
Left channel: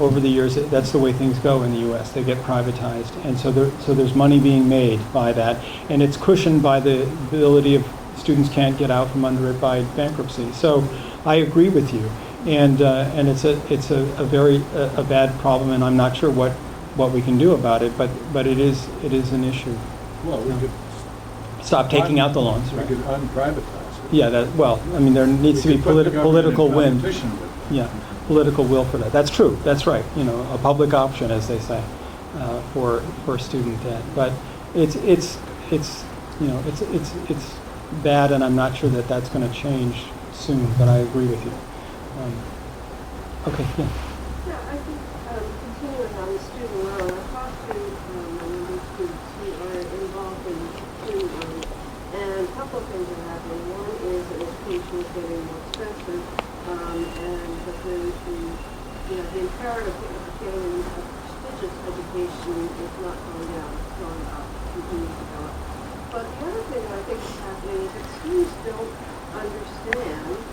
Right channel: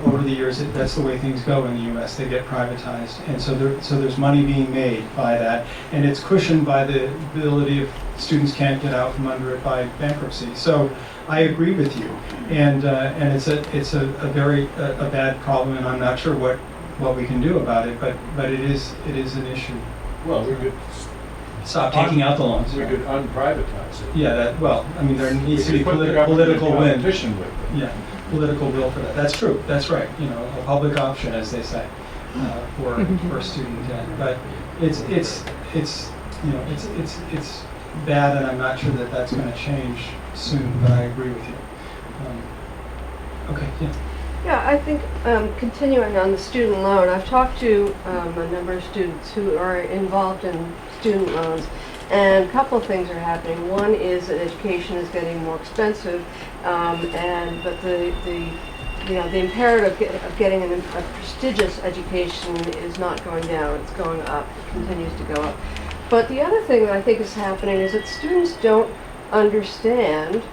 over the years, that's the way things go in the U.S. They get privatized, and so there's money being made by that, and it's cushioned by the ability of students can't get out from under it by bankruptcy. So, I agree with you, and it's a very bad problem, and I'm not sure what we can do about it, but it is an issue. Well, we could stop taking out the loans. We could unprivatize it. Yeah, there needs to be political will. Yeah, political will for that. That's true. That's right. A public option, as they say, for student debt. But it's bad, and I'm not sure that that's going to change soon. But I agree with you. Okay. Yeah. Yeah, I think continuing on the student loan, I've talked to a number of students who are involved in student loans, and a couple of things are happening. One is that education is getting more expensive, but the imperative of getting a prestigious education is not going down; it's going up, continues to go up. But the other thing that I think is happening is that students don't understand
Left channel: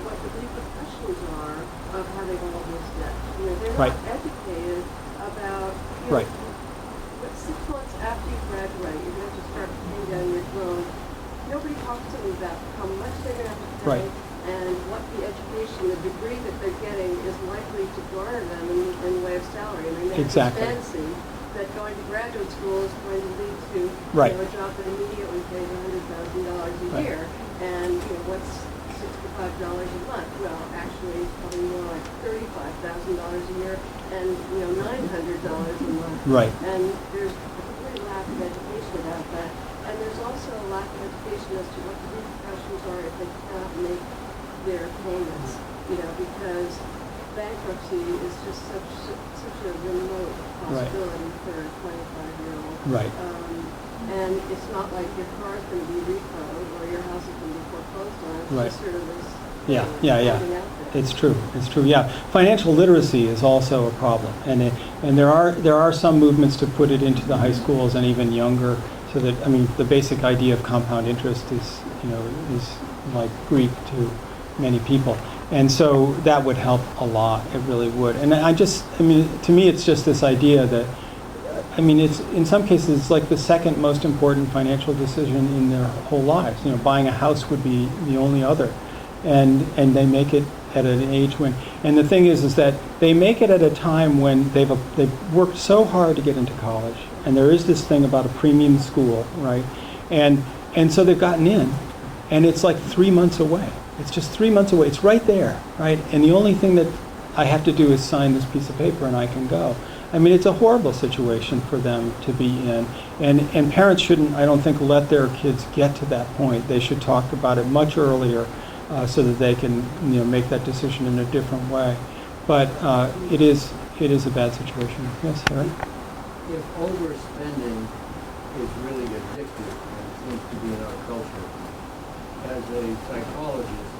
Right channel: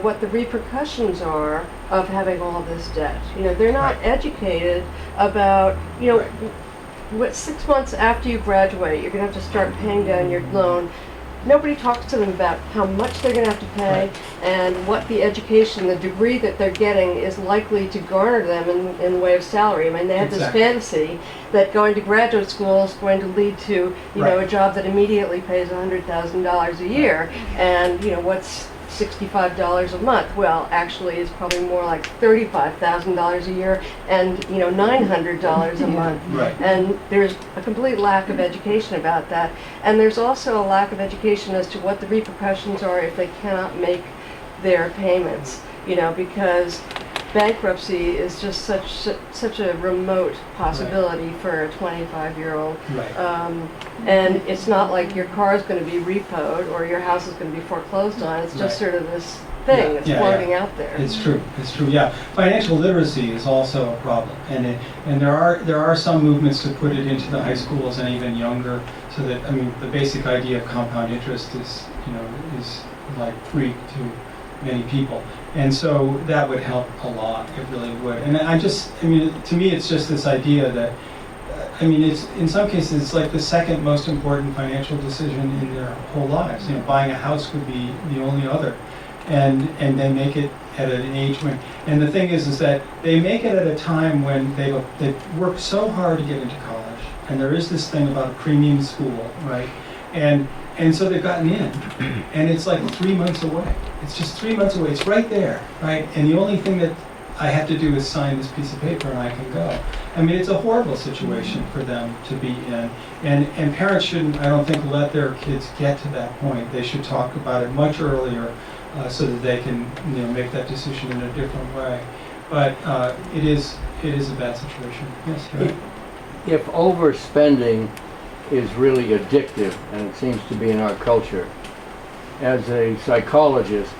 what the repercussions are of having all this debt. They're not educated about, what 6 months after you graduate, you're going to have to start paying down your loan. Nobody talks to them about how much they're going to have to pay and what the education, the degree that they're getting is likely to garner them in the way of salary. I mean, they have this fantasy that going to graduate school is going to lead to, a job that immediately pays $100,000 a year. And, what's $65 a month. Well, actually, it's probably more like $35,000 a year and, you know, $900 a month. Right. And there's a complete lack of education about that. And there's also a lack of education as to what the repercussions are if they cannot make their payments, you know, because bankruptcy is just such a remote possibility for a 25-year-old. Right. And it's not like your car is going to be repoed or your house is going to be foreclosed on. It's just sort of this thing that's floating out there. It's true. It's true. Yeah. Financial literacy is also a problem, and there are some movements to put it into the high schools and even younger, so that, I mean, the basic idea of compound interest is, you know, is like Greek to many people. And so that would help a lot. It really would. And I mean, to me, it's just this idea that, I mean, it's, in some cases, it's like the second most important financial decision in their whole lives. You know, buying a house would be the only other. And they make it at an age when, and the thing is that they make it at a time when they've worked so hard to get into college. And there is this thing about a premium school, right? And so they've gotten in, and it's like 3 months away. It's just 3 months away. It's right there, right? And the only thing that I have to do is sign this piece of paper and I can go. I mean, it's a horrible situation for them to be in. And parents shouldn't, I don't think, let their kids get to that point. They should talk about it much earlier so that they can, you know, make that decision in a different way. But it is a bad situation. Yes, right? If overspending is really addictive, and it seems to be in our culture, as a psychologist,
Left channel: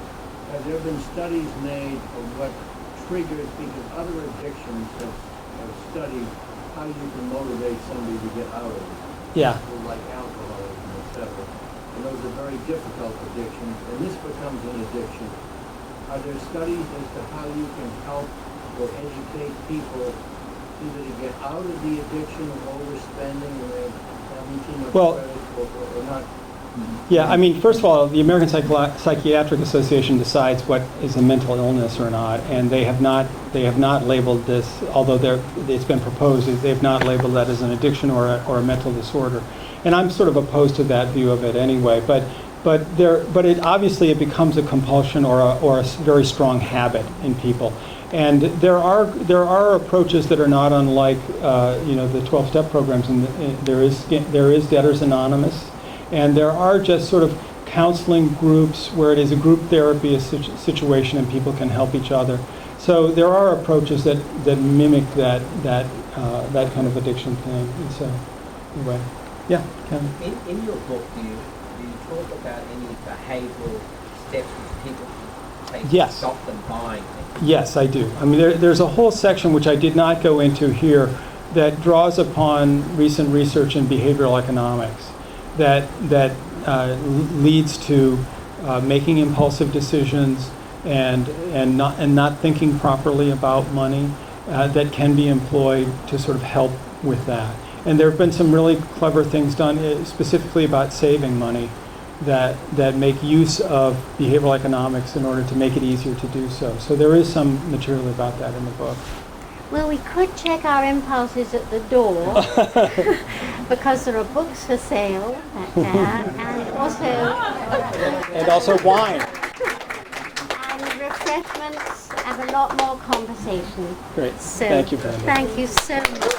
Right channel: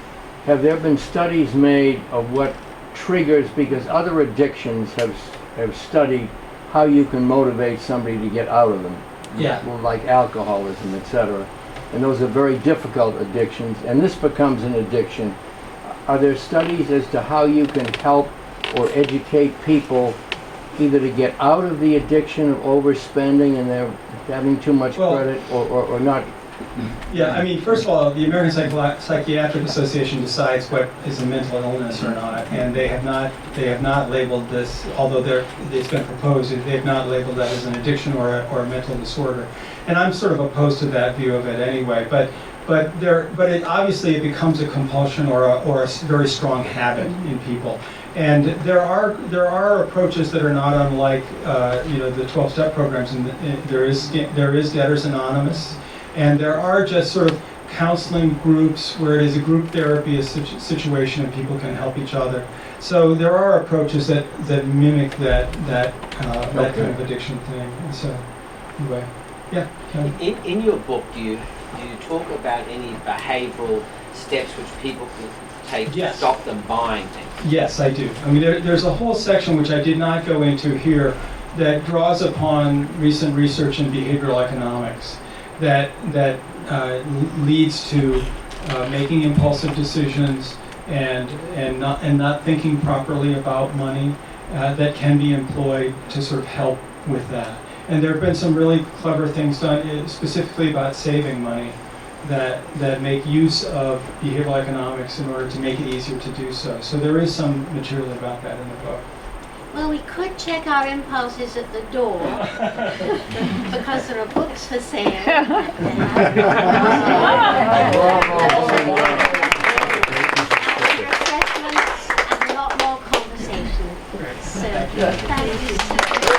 have there been studies made of what triggers, because other addictions have studied how you can motivate somebody to get out of them? Yeah. Well, like alcoholism, etc. And those are very difficult addictions, and this becomes an addiction. Are there studies as to how you can help or educate people either to get out of the addiction of overspending and they're having too much credit, or not? Yeah, I mean, first of all, the American Psychiatric Association decides what is a mental illness or not, and they have not labeled this, although it's been proposed, they have not labeled that as an addiction or a mental disorder. And I'm sort of opposed to that view of it anyway. But obviously it becomes a compulsion or a very strong habit in people. And there are approaches that are not unlike the 12-step programs, and there is Debtors Anonymous. And there are just sort of counseling groups where it is a group therapy situation and people can help each other. So there are approaches that mimic that kind of addiction plan. So anyway, yeah. In your book, do you talk about any behavioural steps which people could take to stop them buying things? Yes, I do. I mean, there's a whole section which I did not go into here that draws upon recent research in behavioral economics that leads to making impulsive decisions and not thinking properly about money that can be employed to sort of help with that. And there have been some really clever things done specifically about saving money that make use of behavioral economics in order to make it easier to do so. So there is some material about that in the book. Well, we could check our impulses at the door because there are books for sale. Also wine. Refreshments and a lot more conversation. Great. So, Thank you. thank you so much.